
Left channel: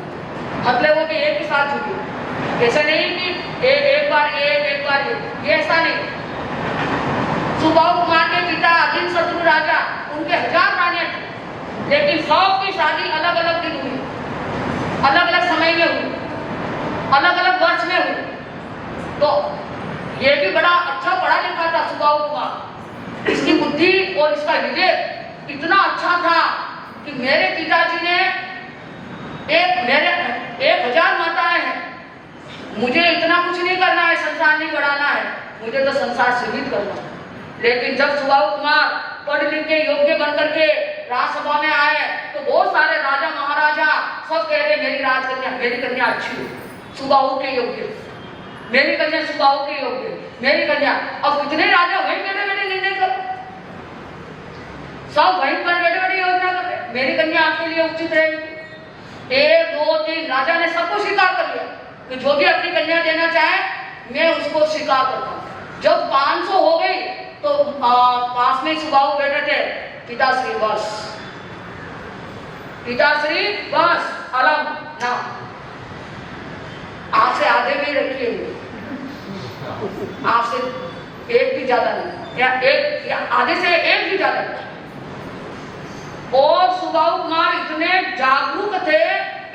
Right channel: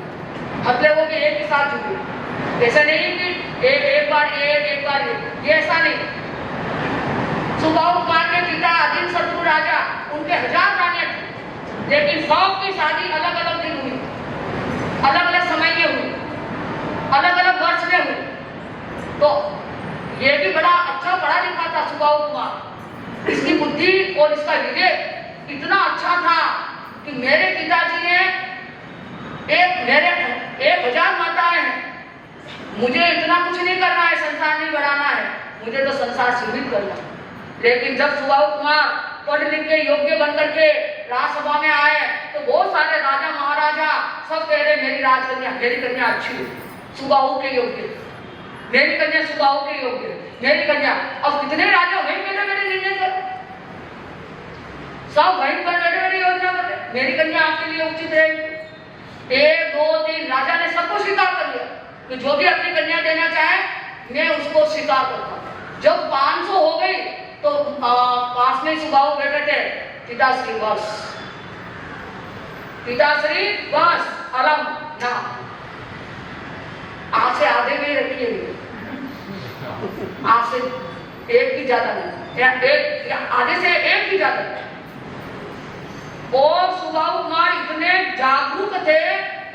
मतलब वो कि एक ही साथ जुटी। ऐसा नहीं कि एक बार एक बार ये ऐसा नहीं। सुबाहु कुमार के पिता अधीन शत्रु राजा, उनके 1000 रानियां थी, लेकिन सबकी शादी अलग अलग दिन हुई, अलग अलग समय में हुई, अलग अलग वर्ष में हुई। तो ये भी बड़ा अच्छा पढ़ा लिखा था सुबाहु कुमार, इसकी बुद्धि और इसका विवेक इतना अच्छा था कि मेरे पिताजी ने 1000 माताएं हैं, मुझे इतना कुछ नहीं करना है, संसार नहीं बढ़ाना है, मुझे तो संसार सीमित करना है। लेकिन जब सुबाहु कुमार पढ़ लिख के योग्य बनकर के राजसभा में आए तो बहुत सारे राजा महाराजा सब कह रहे मेरी राजकन्या, मेरी कन्या अच्छी है, सुबाहु के योग्य, मेरी कन्या सुबाहु के योग्य, मेरी कन्या। अब कितने राजा वहीं बैठे बैठे निर्णय करो, सब वहीं पर बैठे बैठे योजना कर रहे, मेरी कन्या आपके लिए उचित रहेगी। 1 2 3 राजा ने सबको स्वीकार कर लिया कि जो भी अपनी कन्या देना चाहे मैं उसको स्वीकार करता हूँ। जब 500 हो गई तो पास में सुबाहु बैठे थे, पिताश्री बस, पिताश्री बस, अलम ना, आपसे आधे में रखिए, आपसे एक भी ज्यादा नहीं, या आधे से एक भी ज्यादा नहीं। और सुबाहु कुमार इतने जागरूक थे,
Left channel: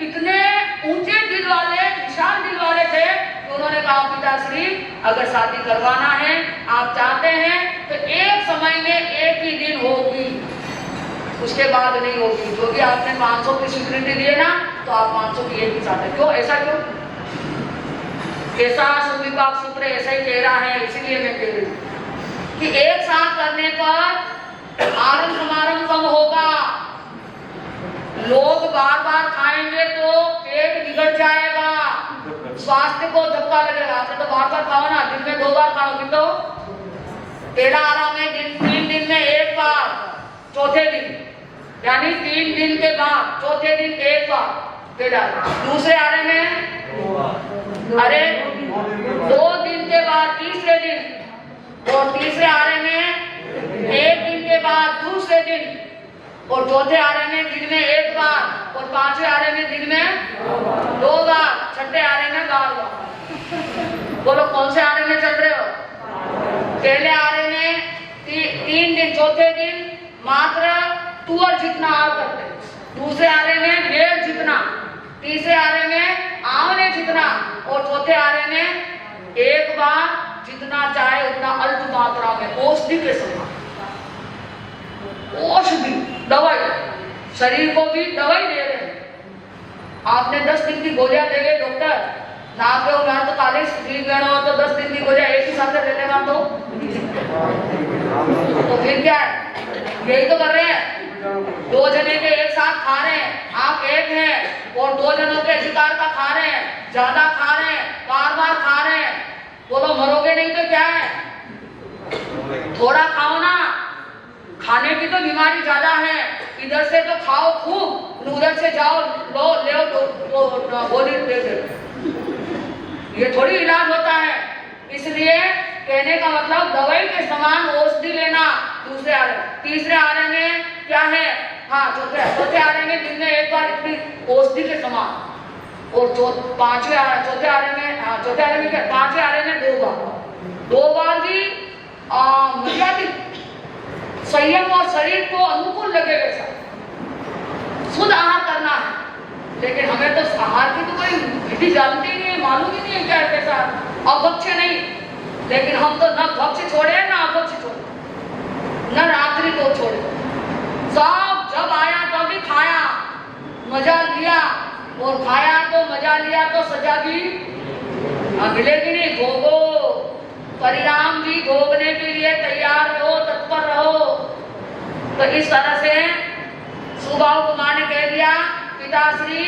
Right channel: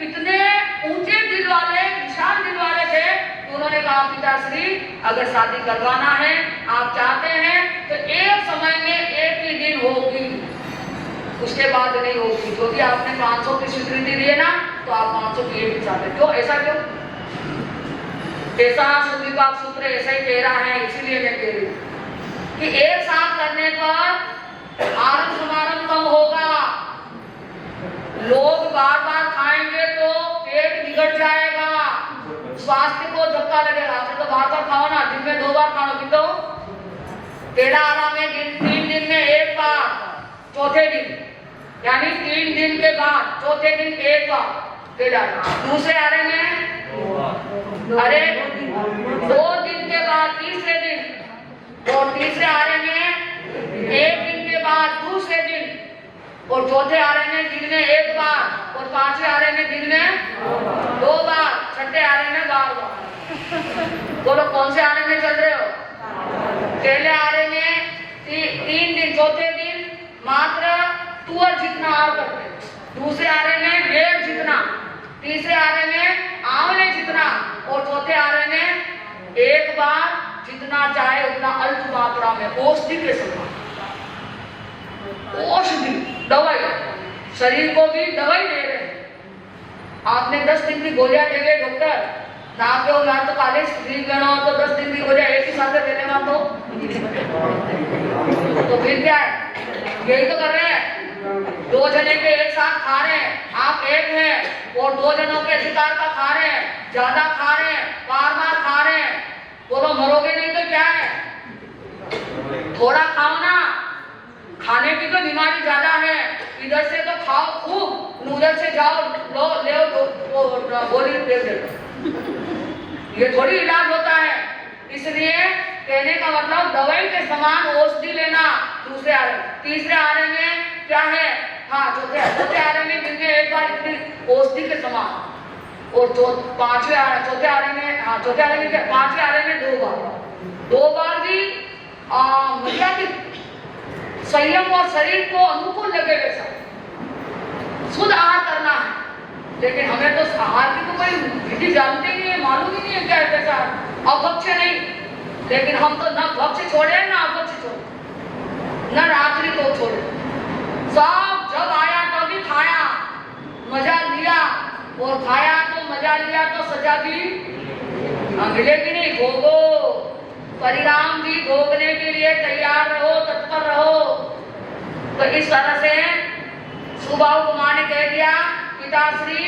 इतने ऊंचे दिल वाले, विशाल दिल वाले थे कि उन्होंने कहा पिताश्री अगर शादी करवाना है, आप चाहते हैं तो एक समय में एक ही दिन होगी, उसके बाद नहीं होगी। जो कि आपने 500 की स्वीकृति दी है ना, तो आप 500 की एक ही चाहते। क्यों ऐसा क्यों? ऐसा सुविभाग सूत्र ऐसा ही कह रहा है, इसीलिए मैं कह रही हूँ कि एक साथ करने पर आरंभ समारंभ कम होगा, लोग बार बार खाएंगे तो पेट बिगड़ जाएगा, स्वास्थ्य को धक्का लगेगा। आपने तो बार खाओ ना, दिन में 2 बार खाओ, दिन तो पहला आराम है 3 दिन में 1 बार, चौथे दिन यानी 3 दिन के बाद चौथे दिन 1 बार पहला, दूसरे आरे में अरे 2 दिन के बाद तीसरे दिन, और तीसरे आरे में 1 दिन के बाद दूसरे दिन, और चौथे आरे में दिन में 1 बार, और 5वें आरे में दिन में 2 बार, छठे आरे में 12 बार। बोलो कौन से आरे में चल रहे हो? पहले आरे में 3 दिन, चौथे दिन मात्र तुअर जितना आहार करते, दूसरे आरे में बेर जितना, तीसरे आरे में आंवले जितना, और चौथे आरे में 1 बार जितना चाहे उतना अल्प मात्रा में, औषधि के समान, औषधि दवाई, शरीर को भी दवाई दे रहे हैं। आपने 10 दिन की गोलियां देंगे डॉक्टर, ना तो ना तो कॉलेज ठीक करना हो तो 10 दिन की गोलियां एक ही साथ ले लेना, तो फिर क्या है? यही तो कर रहे हैं, 2 जने के एक साथ खा रहे हैं, आप एक हैं और 2 जनों के अधिकार का खा रहे हैं, ज्यादा खा रहे हैं, बार बार खा रहे हैं, बोलो मरोगे नहीं तो क्या है? थोड़ा खाओ ना, खाने की तो बीमारी ज्यादा है, इधर से तो खाओ खूब, उधर से जाओ लो ले गोली दे दे, ये थोड़ी इलाज होता है। इसलिए कहने का मतलब दवाई के समान औषधि लेना। दूसरे आरे, तीसरे आरे में क्या है? हाँ, चौथे आरे में दिन में 1 बार इतनी औषधि के समान, और चौथे आरे में, हाँ चौथे आरे में क्या? 5वें आरे में 2 बार भी मर्यादित संयम और शरीर को अनुकूल लगे वैसा शुद्ध आहार करना है। लेकिन हमें तो आहार की तो कोई विधि जानते नहीं है, मालूम ही नहीं है क्या है कैसा, अभक्ष्य नहीं, लेकिन हम तो न भक्ष्य छोड़े न अभक्ष्य छोड़े, न रात्रि को छोड़े, सब जब आया तभी खाया, मजा लिया, और खाया तो मजा लिया तो सजा भी मिलेगी नहीं, भोगो, परिणाम भी भोगने के लिए तैयार रहो, तत्पर रहो। तो इस तरह से सुबाहु कुमार ने कह दिया पिताश्री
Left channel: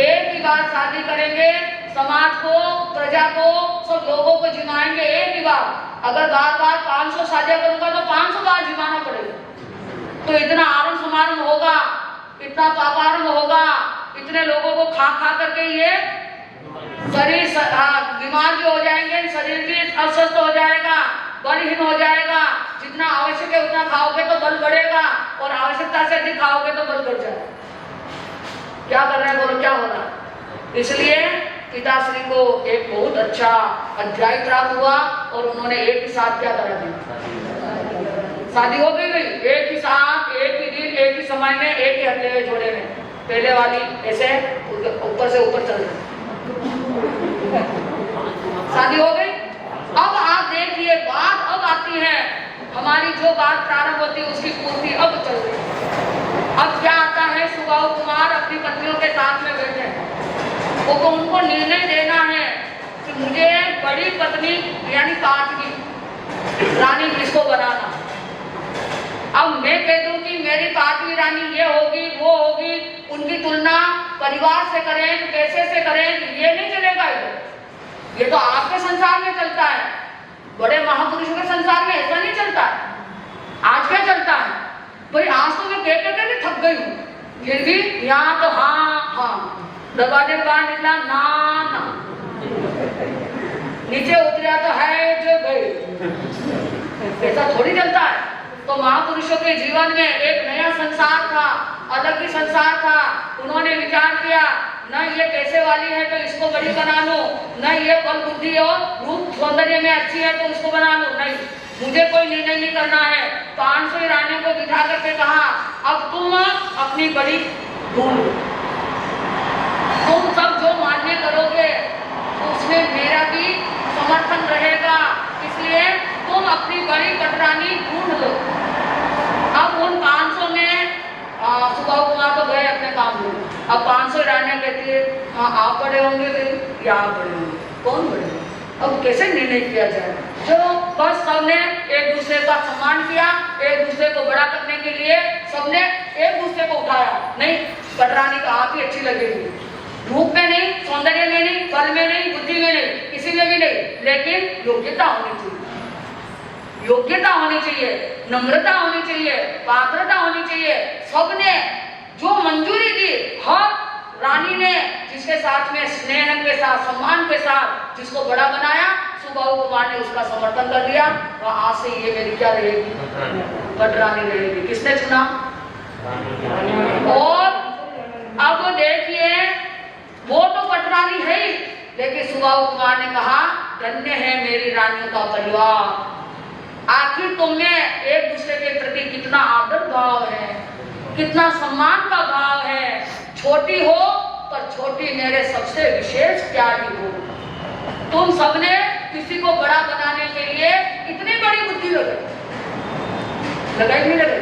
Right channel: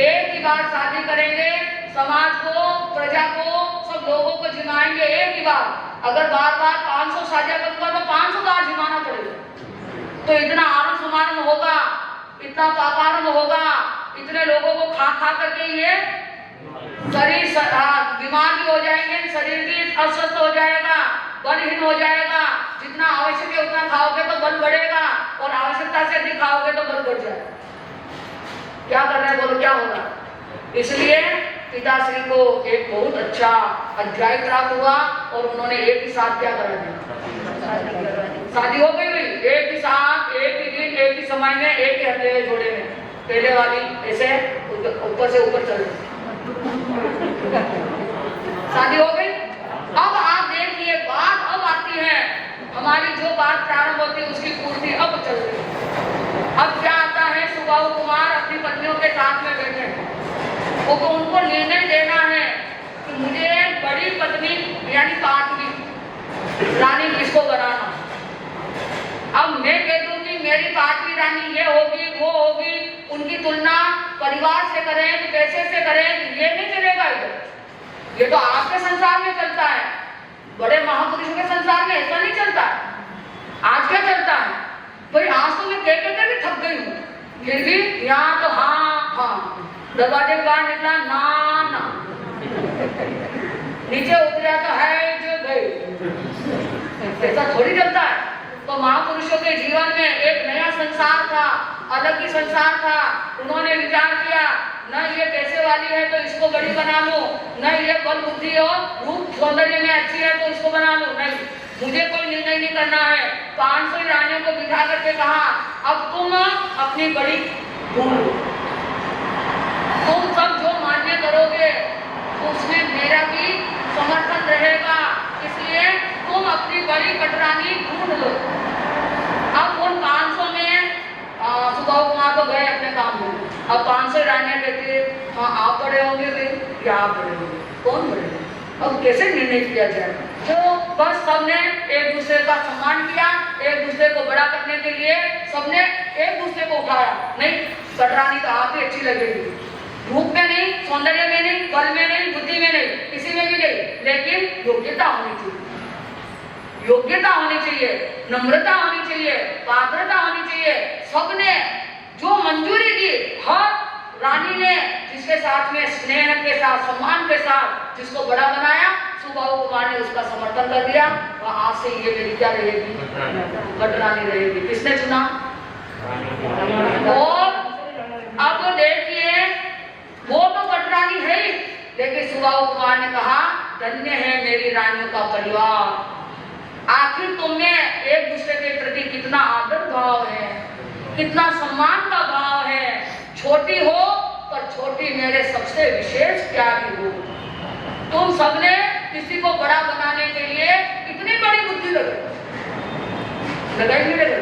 एक ही बार शादी करेंगे, समाज को, प्रजा को, सब लोगों को जिमाएंगे एक ही बार। अगर बार बार 500 शादियां करूंगा तो 500 बार जिमाना पड़ेगा, तो इतना आरंभ समारंभ होगा, इतना पापारंभ होगा, इतने लोगों को खा खा करके ये शरीर बीमार भी हो जाएंगे, शरीर भी अस्वस्थ हो जाएगा, बलहीन हो जाएगा। जितना आवश्यक है उतना खाओगे तो बल बढ़ेगा, और आवश्यकता से अधिक खाओगे तो बल बढ़ जाएगा। क्या कर रहे हैं बोलो, क्या होगा? इसलिए पिताश्री को एक बहुत अच्छा अध्याय प्राप्त हुआ, और उन्होंने एक ही साथ क्या करा दिया, शादी हो गई। एक ही साथ, एक ही दिन, एक ही समय में, एक ही हथेली जोड़े में, पहले वाली ऐसे ऊपर से ऊपर चल रही, शादी हो गई। अब आप देखिए बात अब आती है, हमारी जो बात थी उसकी पूर्ति अब चल रही है। अब क्या आता है, सुबाहु कुमार अपनी पत्नियों के साथ में बैठे हैं, वो उनको निर्णय देना है कि मुझे बड़ी पत्नी यानी पांचवी रानी किसको बनाना। अब मैं कह दूं कि मेरी पांचवी रानी ये होगी वो होगी, उनकी तुलना परिवार से करें, पैसे से करें, ये नहीं चलेगा। ये तो आपके संसार में चलता है, बड़े महापुरुषों के संसार में ऐसा नहीं चलता है। आज क्या चलता है भाई, आज तो मैं देख के थक गई हूँ, फिर भी यहाँ तो हाँ, दरवाजे के बाहर निकला ना, नीचे उतरा तो है जो गई। ऐसा थोड़ी चलता है। तो महापुरुषों के जीवन में एक नया संसार था, अलग ही संसार था। उन्होंने विचार किया, न ये पैसे वाली है तो इसको बड़ी बना लो, न ये बल बुद्धि और रूप सौंदर्य में अच्छी है तो इसको बना लो, नहीं, मुझे कोई निर्णय नहीं करना है। 500 रानियों को बिठा करके कहा, अब तुम अपनी बड़ी ढूंढ, तुम सब जो मान्य करोगे उसमें मेरा भी समर्थन रहेगा, इसलिए तुम अपनी बड़ी कटरानी ढूंढ लो। अब उन 500 में सुबाहु कुमार तो गए अपने काम में। अब 500 रानियां कहती है, हाँ आप बड़े होंगे या आप बड़े होंगे, कौन बड़े होंगे? अब कैसे निर्णय किया जाए? चलो बस सबने एक दूसरे का सम्मान किया, एक दूसरे को बड़ा करने के लिए सबने एक दूसरे को उठाया। नहीं, कटरानी तो आप ही अच्छी लगेगी, रूप में नहीं, सौंदर्य में नहीं, बल में नहीं, बुद्धि में नहीं, किसी में भी नहीं, लेकिन योग्यता होनी चाहिए, योग्यता होनी चाहिए, नम्रता होनी चाहिए, पात्रता होनी चाहिए। सबने जो मंजूरी दी, हर रानी ने जिसके साथ में स्नेह के साथ, सम्मान के साथ जिसको बड़ा बनाया, सुबाहु कुमार ने उसका समर्थन कर दिया। और आज से ये मेरी क्या रहेगी, कटरानी रहेगी। किसने चुना? और अब देखिए, वो तो कटरानी है ही, लेकिन सुबाहु कुमार ने कहा, धन्य है मेरी रानियों का परिवार। आखिर तुम्हें एक दूसरे के प्रति कितना आदर भाव है, कितना सम्मान का भाव है। छोटी हो पर छोटी मेरे सबसे विशेष प्यारी हो। तुम सबने किसी को बड़ा बनाने के लिए इतनी बड़ी बुद्धि लगाई नहीं लगे।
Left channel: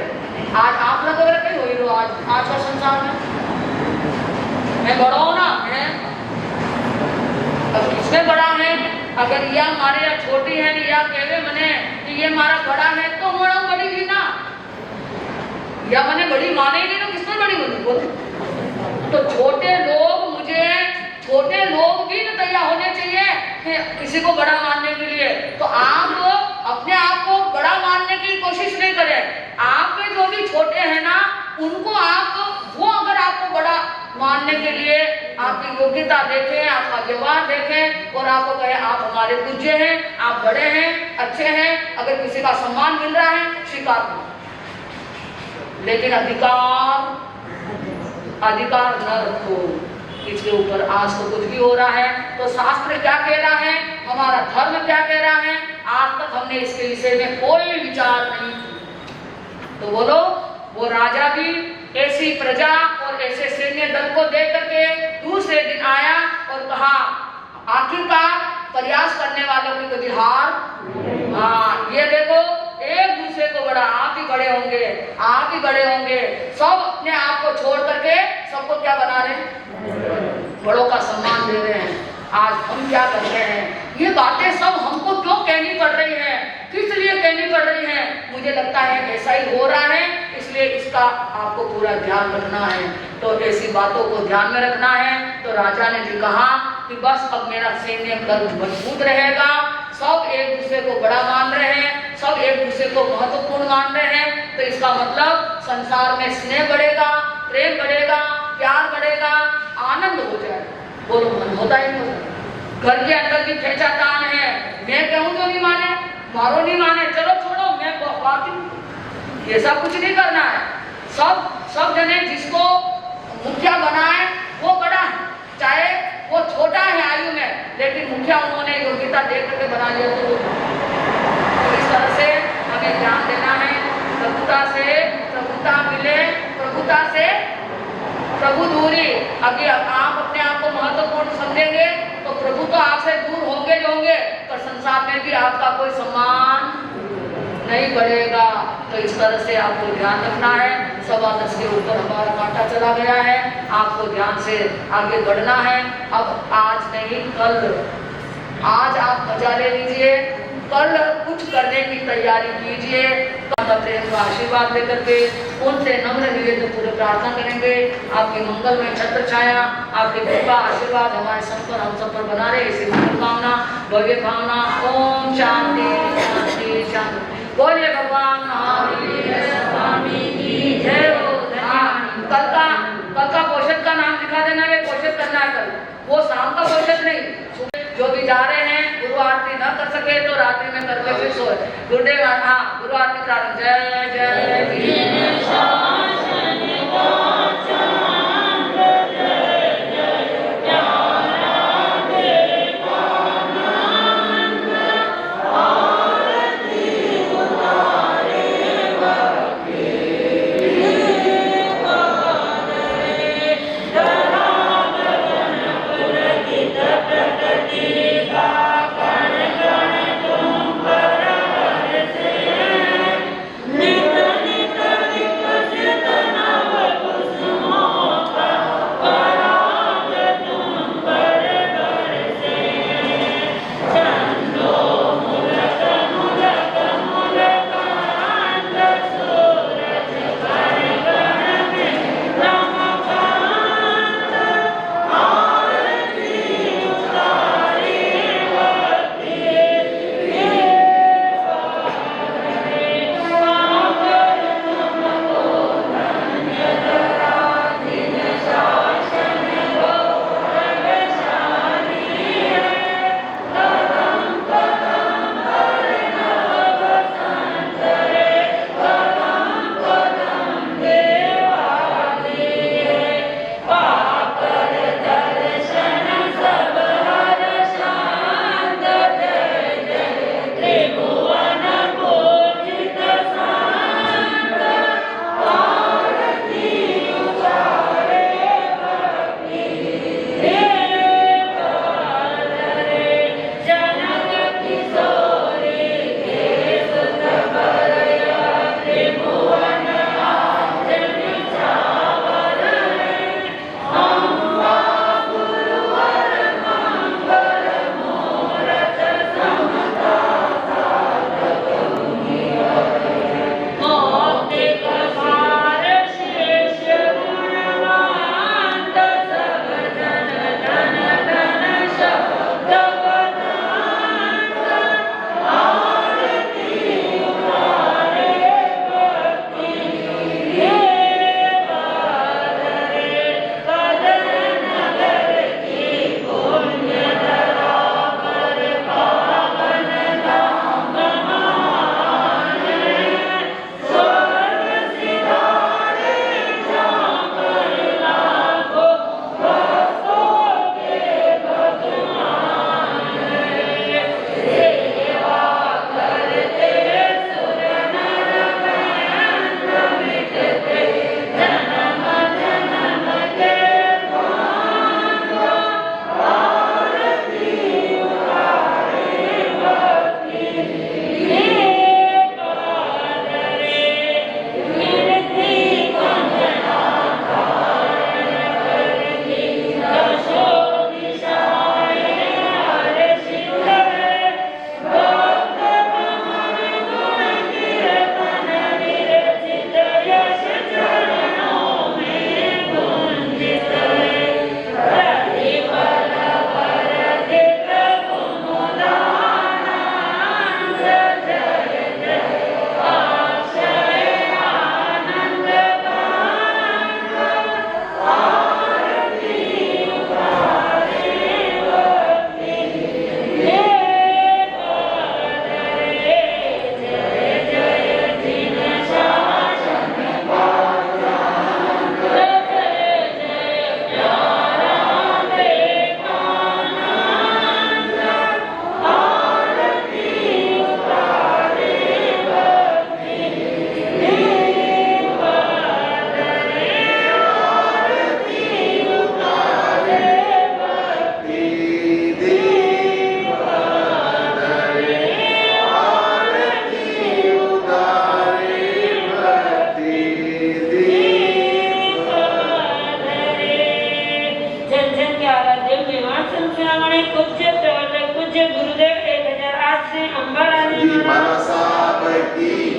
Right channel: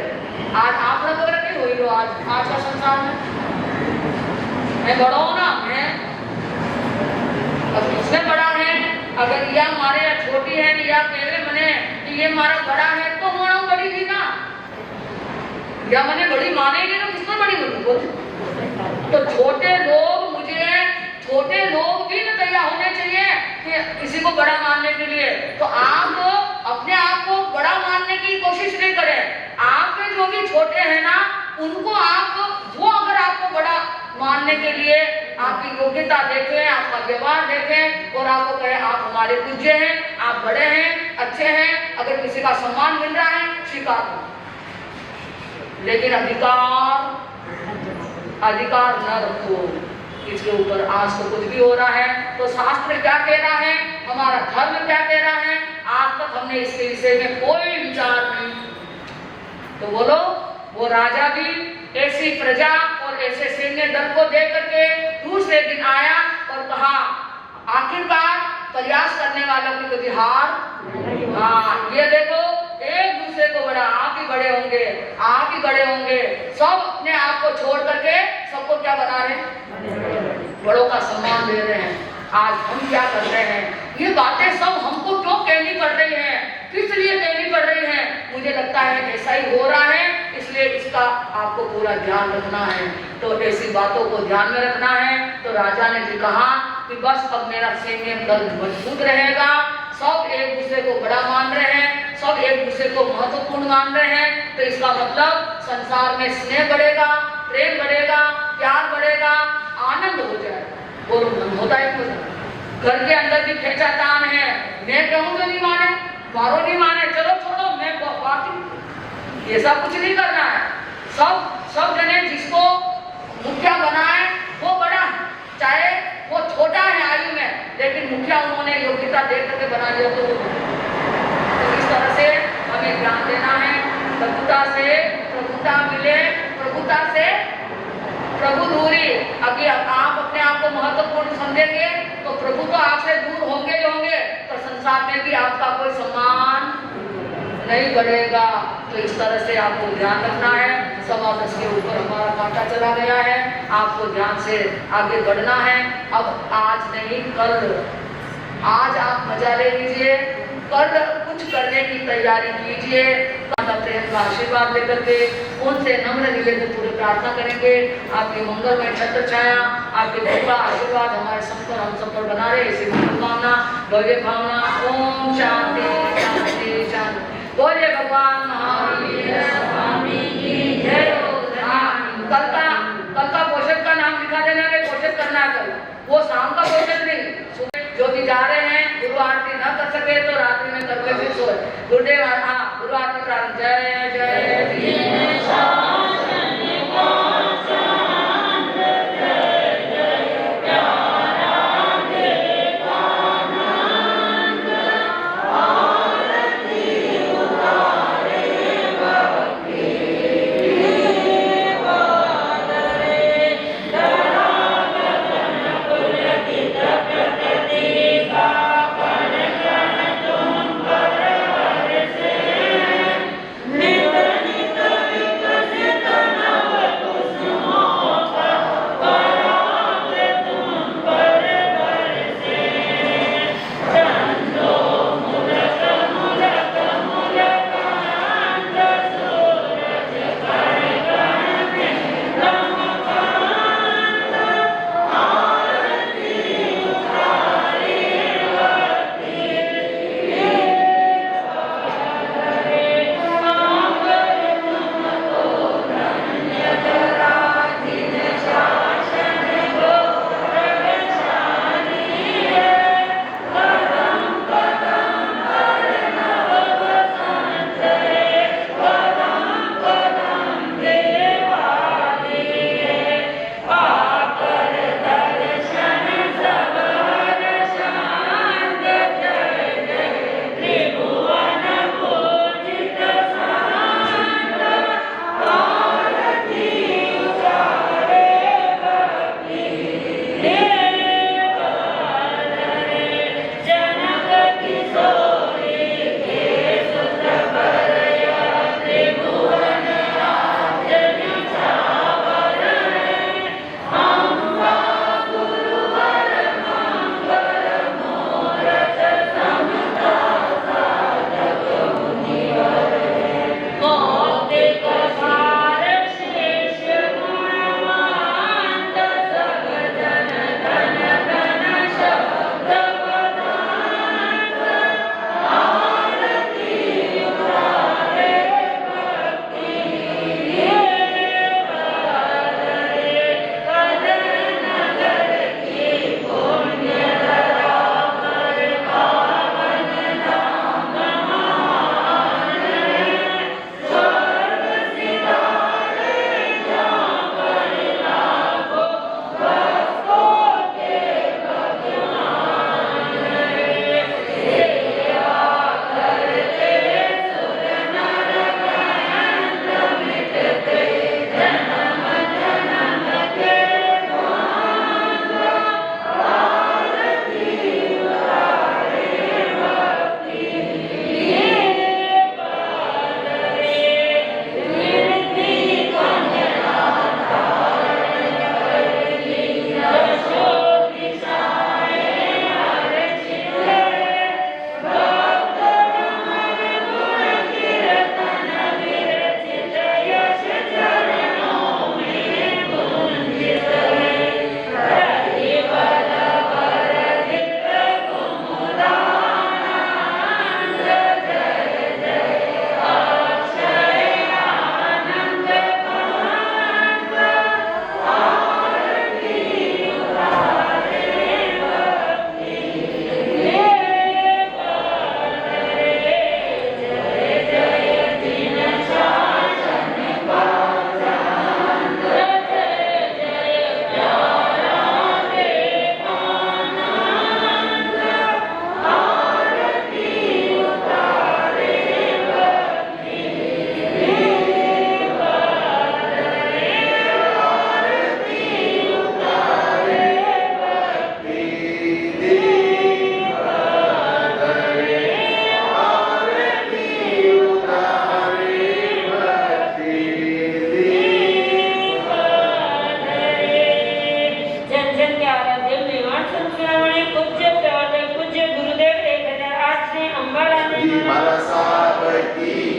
आज आप लग रहे हो ही लो, आज का संसार में मैं बड़ा हूं ना, मैं अब किसमें बड़ा है? अगर यह हमारे या छोटी है या कहवे मने कि ये हमारा बड़ा है तो होना बड़ी थी ना, या मने बड़ी मानेंगे तो किसमें बड़ी होगी? तो छोटे लोग भी न तैयार होने चाहिए कि किसी को बड़ा मानने के लिए। तो आप अपने आप को बड़ा मानने की कोशिश नहीं करें। आपके जो भी छोटे हैं ना, उनको वो अगर आपको बड़ा मानने के लिए आपकी योग्यता देखें, आपका व्यवहार देखें और आपको कहे आप हमारे पूज्य हैं, आप बड़े हैं, अच्छे हैं, अगर किसी का सम्मान मिल रहा है स्वीकार करो, लेकिन अधिकार न रखो इसके ऊपर। आज तो कुछ भी हो रहा है तो शास्त्र क्या कह रहा है, हमारा धर्म क्या कह रहा है, आज तक हमने इसके विषय में कोई विचार नहीं। तो बोलो, वो राजा भी ऐसी प्रजा और ऐसे सैन्य दल को देख करके दूसरे दिन आया और कहा, आखिरकार प्रयास करने वालों की कोई हार। हाँ, ये देखो, एक दूसरे को बड़ा, आप ही बड़े होंगे, आप ही बड़े होंगे। सब अपने आप को छोड़ करके सबको क्या बना रहे हैं, बड़ों का सम्मान दे रहे हैं। आज हम क्या कर रहे हैं? ये बातें सब हमको क्यों कहनी पड़ रही है, किस लिए कहनी पड़ रही है? मुझे लगता है ऐसा ही हो रहा है, इसलिए इसका आपको पूरा ध्यान रखना है। तो ऐसी बातों को ध्यान में रखना है। तो राजा ने भी कहा कि बस अब मेरा सैन्य दल मजबूत रहेगा, सब एक दूसरे को बड़ा मान रहे हैं, सब एक दूसरे को महत्वपूर्ण मान रहे हैं। तो इसका मतलब संसार में स्नेह बढ़ेगा, प्रेम बढ़ेगा, प्यार बढ़ेगा, आनंद हो जाएगा। बोलो, मन होता ही नहीं होता। घर के अंदर भी खेचातान है, मैं कहूँ तो नहीं माने, मारो नहीं माने, चलो छोड़ो, मैं बात ही, ऐसा कुछ नहीं करना है। सब जने जिसको मुखिया बनाए वो बड़ा है, चाहे वो छोटा है आयु में, लेकिन मुखिया उन्होंने योग्यता देख करके बना लिया। तो इस तरह से हमें ध्यान देना है। प्रभुता से प्रभुता मिले, प्रभुता से प्रभु दूरी। अगर आप अपने आप को महत्वपूर्ण समझेंगे तो प्रभु तो आपसे दूर होंगे ही होंगे, तो संसार में भी आपका कोई सम्मान नहीं बढ़ेगा। तो इस तरह से आपको ध्यान रखना है। 10:15 के ऊपर हमारा कांटा चला गया है, आपको ध्यान से आगे बढ़ना है। अब आज नहीं कल, आज आप मजा ले लीजिए, कल कुछ करने की तैयारी कीजिए। प्रेम का आशीर्वाद लेकर के उनसे नम्र हृदय पूरे प्रार्थना करेंगे। आपकी मंगलमय छत्र छाया, आपकी कृपा आशीर्वाद हमारे सब पर, हम सब पर बना रहे, इसी कामना भव्य भावना। ओम शांति शांति शांति। बोलिए भगवान महावीर स्वामी की जय हो। कल का पोषक का नाम लिखा देना है, पोषक करना है कल, वो शाम का पोषक नहीं। जो भी जा रहे हैं, गुरु आरती न कर सके तो रात्रि में करके फिर सोए। गुरुदेव गुरु आरती प्रारंभ। जय जय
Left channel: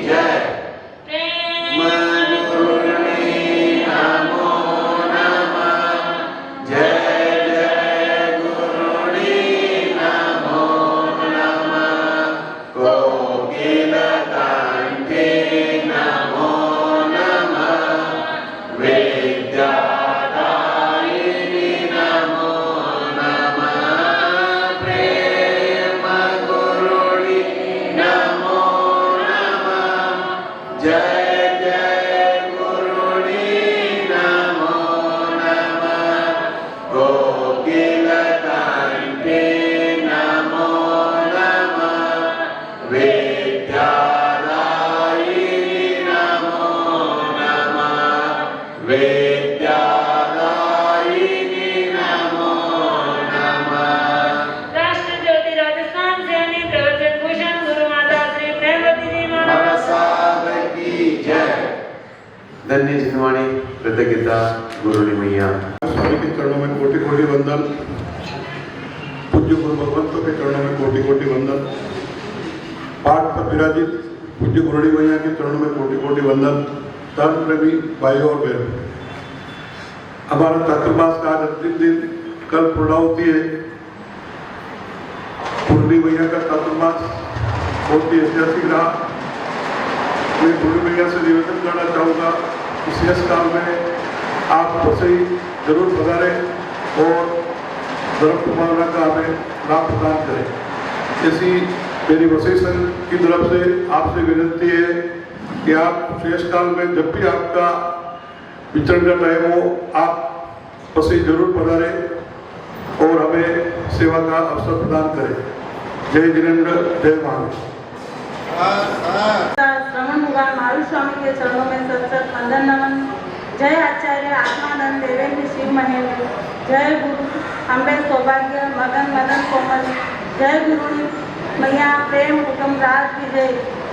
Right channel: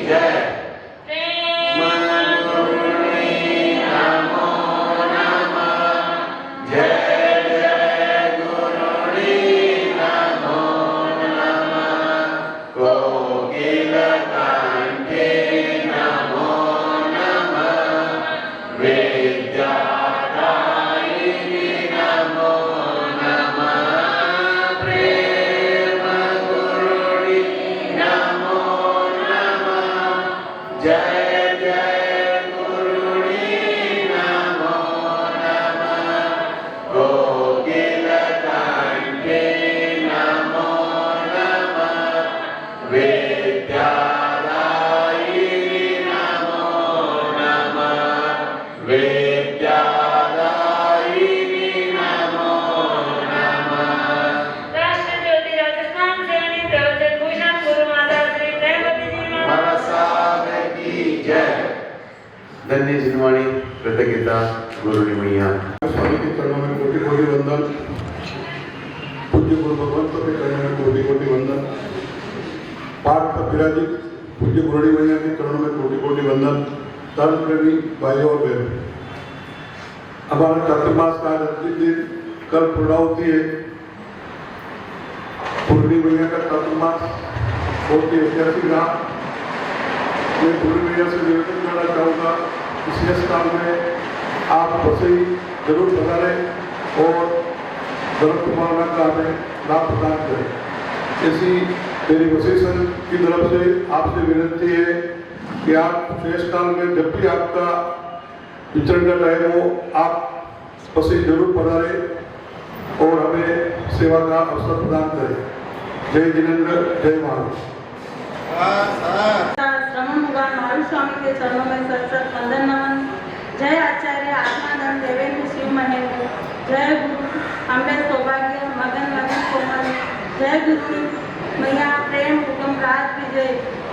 जय। प्रेम राष्ट्रज्योति राजस्थान सेनी प्रवर्तक भूषण गुरु माता श्री प्रेमवती जी महाराज की जय। धन्य जिनवाणी कृतज्ञता गुरुनी मैया। स्वामी के चरणों में कोटि कोटि वंदन। पूज्य गुरु भगवंतों के चरणों में कोटि कोटि वंदन। पाठ पर विराजित पूज्य गुरुनी मैया के चरणों में कोटि कोटि वंदन। धर्म प्रेमी भाइयों और बहनों, हमारा चातुर्मास का आज अंतिम दिन कल पूर्णाहुति है। गुरुनी मैया का चातुर्मास बहुत ही ऐतिहासिक रहा। मैं गुरुनी मैया से निवेदन करना चाहूँगा, इस यश काल में आप वसई जरूर पधारें और धर्म कुमार का हमें लाभ प्रदान करें। ऐसी मेरी वसई संघ की तरफ से आपसे विनती है कि आप शेष काल में जब भी आपका विचरण का टाइम हो, आप वसई जरूर पधारें और हमें सेवा का अवसर प्रदान करें। जय जिनेन्द्र, जय महाराज। श्रवण मुगा मारू स्वामी के चरणों में सत्सत वंदन नमन। जय आचार्य आत्मानंद देवेंद्र शिव महेंद्र। जय गुरु अम्बे सौभाग्य मगन मदन कोमल। जय गुरु मैया प्रेम हुक्म राज विजय।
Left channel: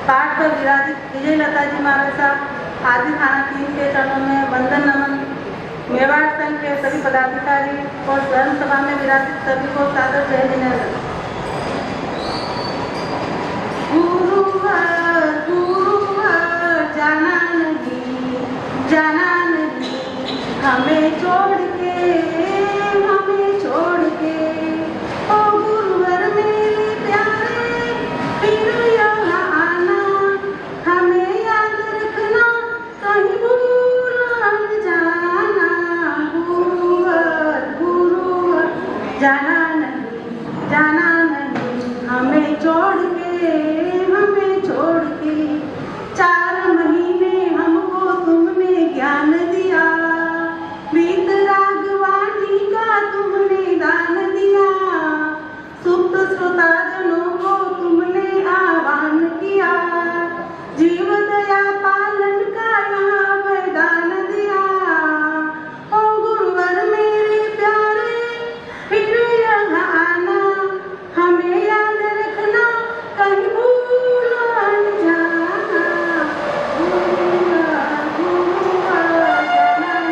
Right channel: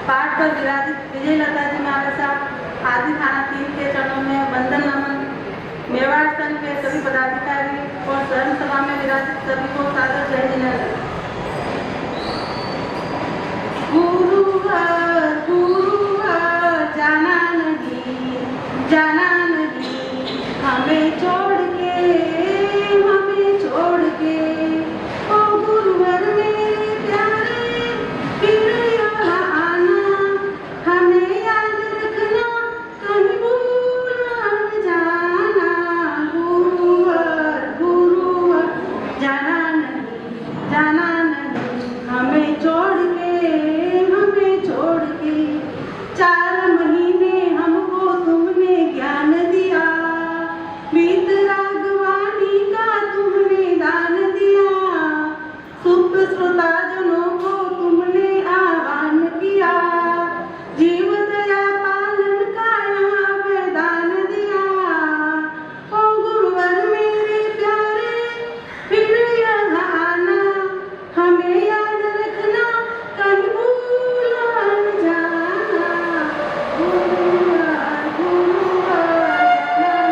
पाठ पर विराजित विजय लता जी महाराज साहब आदि थाना 3 के चरणों में वंदन नमन। मेवाड़ संघ के सभी पदाधिकारी और धर्म सभा में विराजित सभी को सादर जय जिनेन्द्र। गुरुवार गुरुवार जाना नहीं हमें छोड़ के ओ गुरुवर मेरे प्यारे फिर यहाँ आना। हमें याद रखना कहीं भूल न जाना। गुरुवर गुरुवर जाना नहीं हमें छोड़ के 4 महीने हमको तुमने ज्ञान दिया। बीत रागवाणी का तुमने दान दिया। सुप्त श्रोताजनों को तुमने आह्वान किया। जीव दया पालन का यहाँ वरदान दिया। ओ गुरुवर मेरे प्यारे फिर यहाँ आना। हमें याद रखना कहीं भूल न जाना। गुरुवर गुरुवर जाना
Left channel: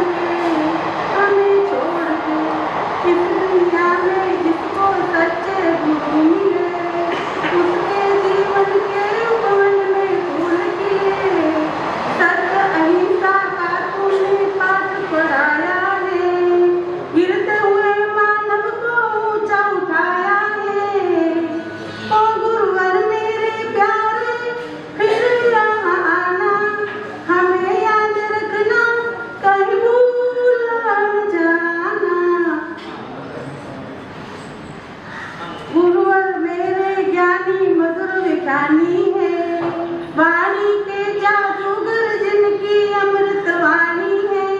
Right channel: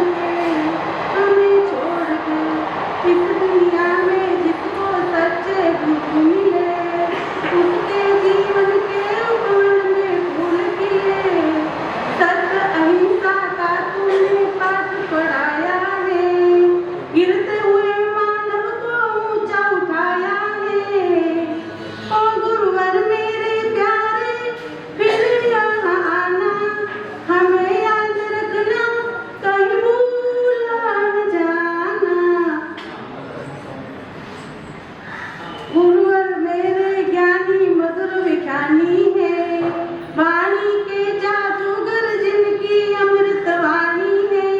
नहीं हमें छोड़ के इस दुनिया में जिसको सच्चे गुरु मिले उसके जीवन के उपवन में फूल खिले। सत्य अहिंसा का तुमने पाठ पढ़ाया है। गिरते हुए मानव को ऊंचा उठाया है। ओ गुरुवर मेरे प्यारे फिर यहाँ आना। हमें याद रखना कहीं भूल न जाना। गुरुवर मेरे ज्ञानी मधुर विज्ञानी है। वाणी के जादूगर जिनकी अमृत वाणी है।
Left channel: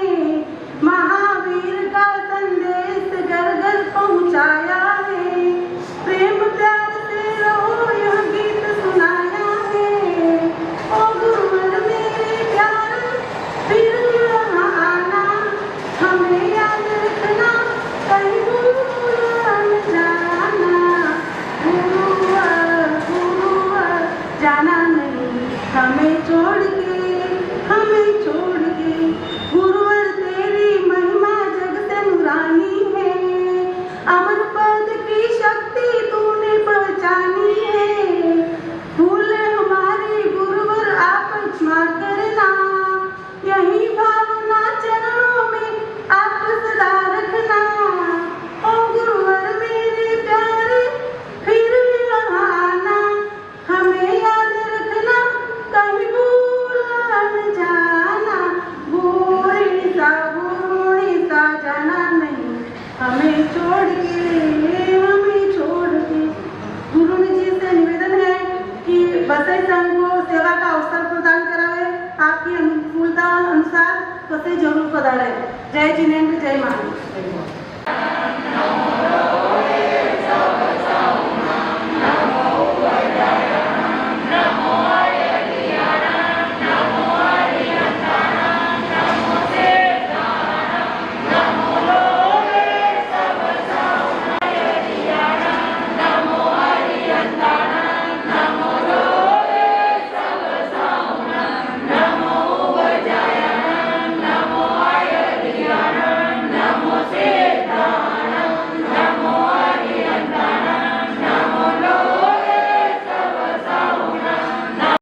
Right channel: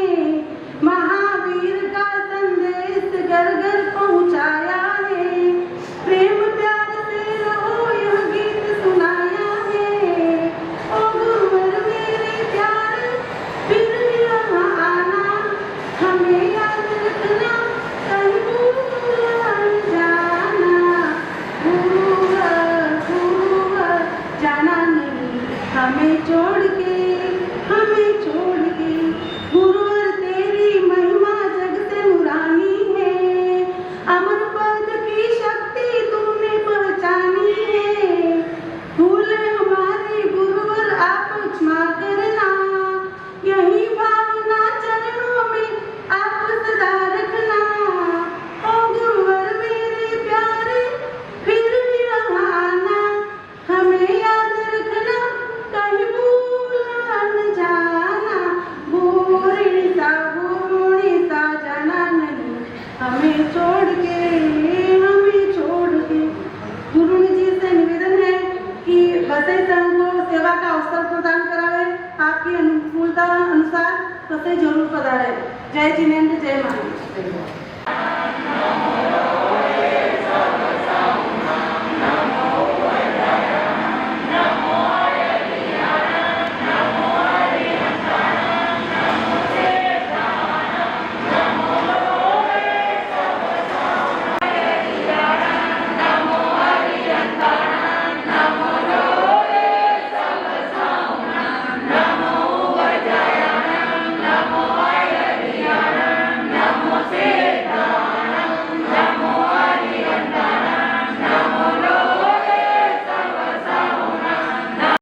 महावीर का संदेश घर घर पहुँचाया है। प्रेम प्यार से रहो यह गीत सुनाया है। ओ गुरुवर मेरे प्यारे फिर यहाँ आना। हमें याद रखना कहीं भूल न जाना। गुरुवर गुरुवर तसे जरूर पधारे. जय जिनेंद्र, जय महाराज.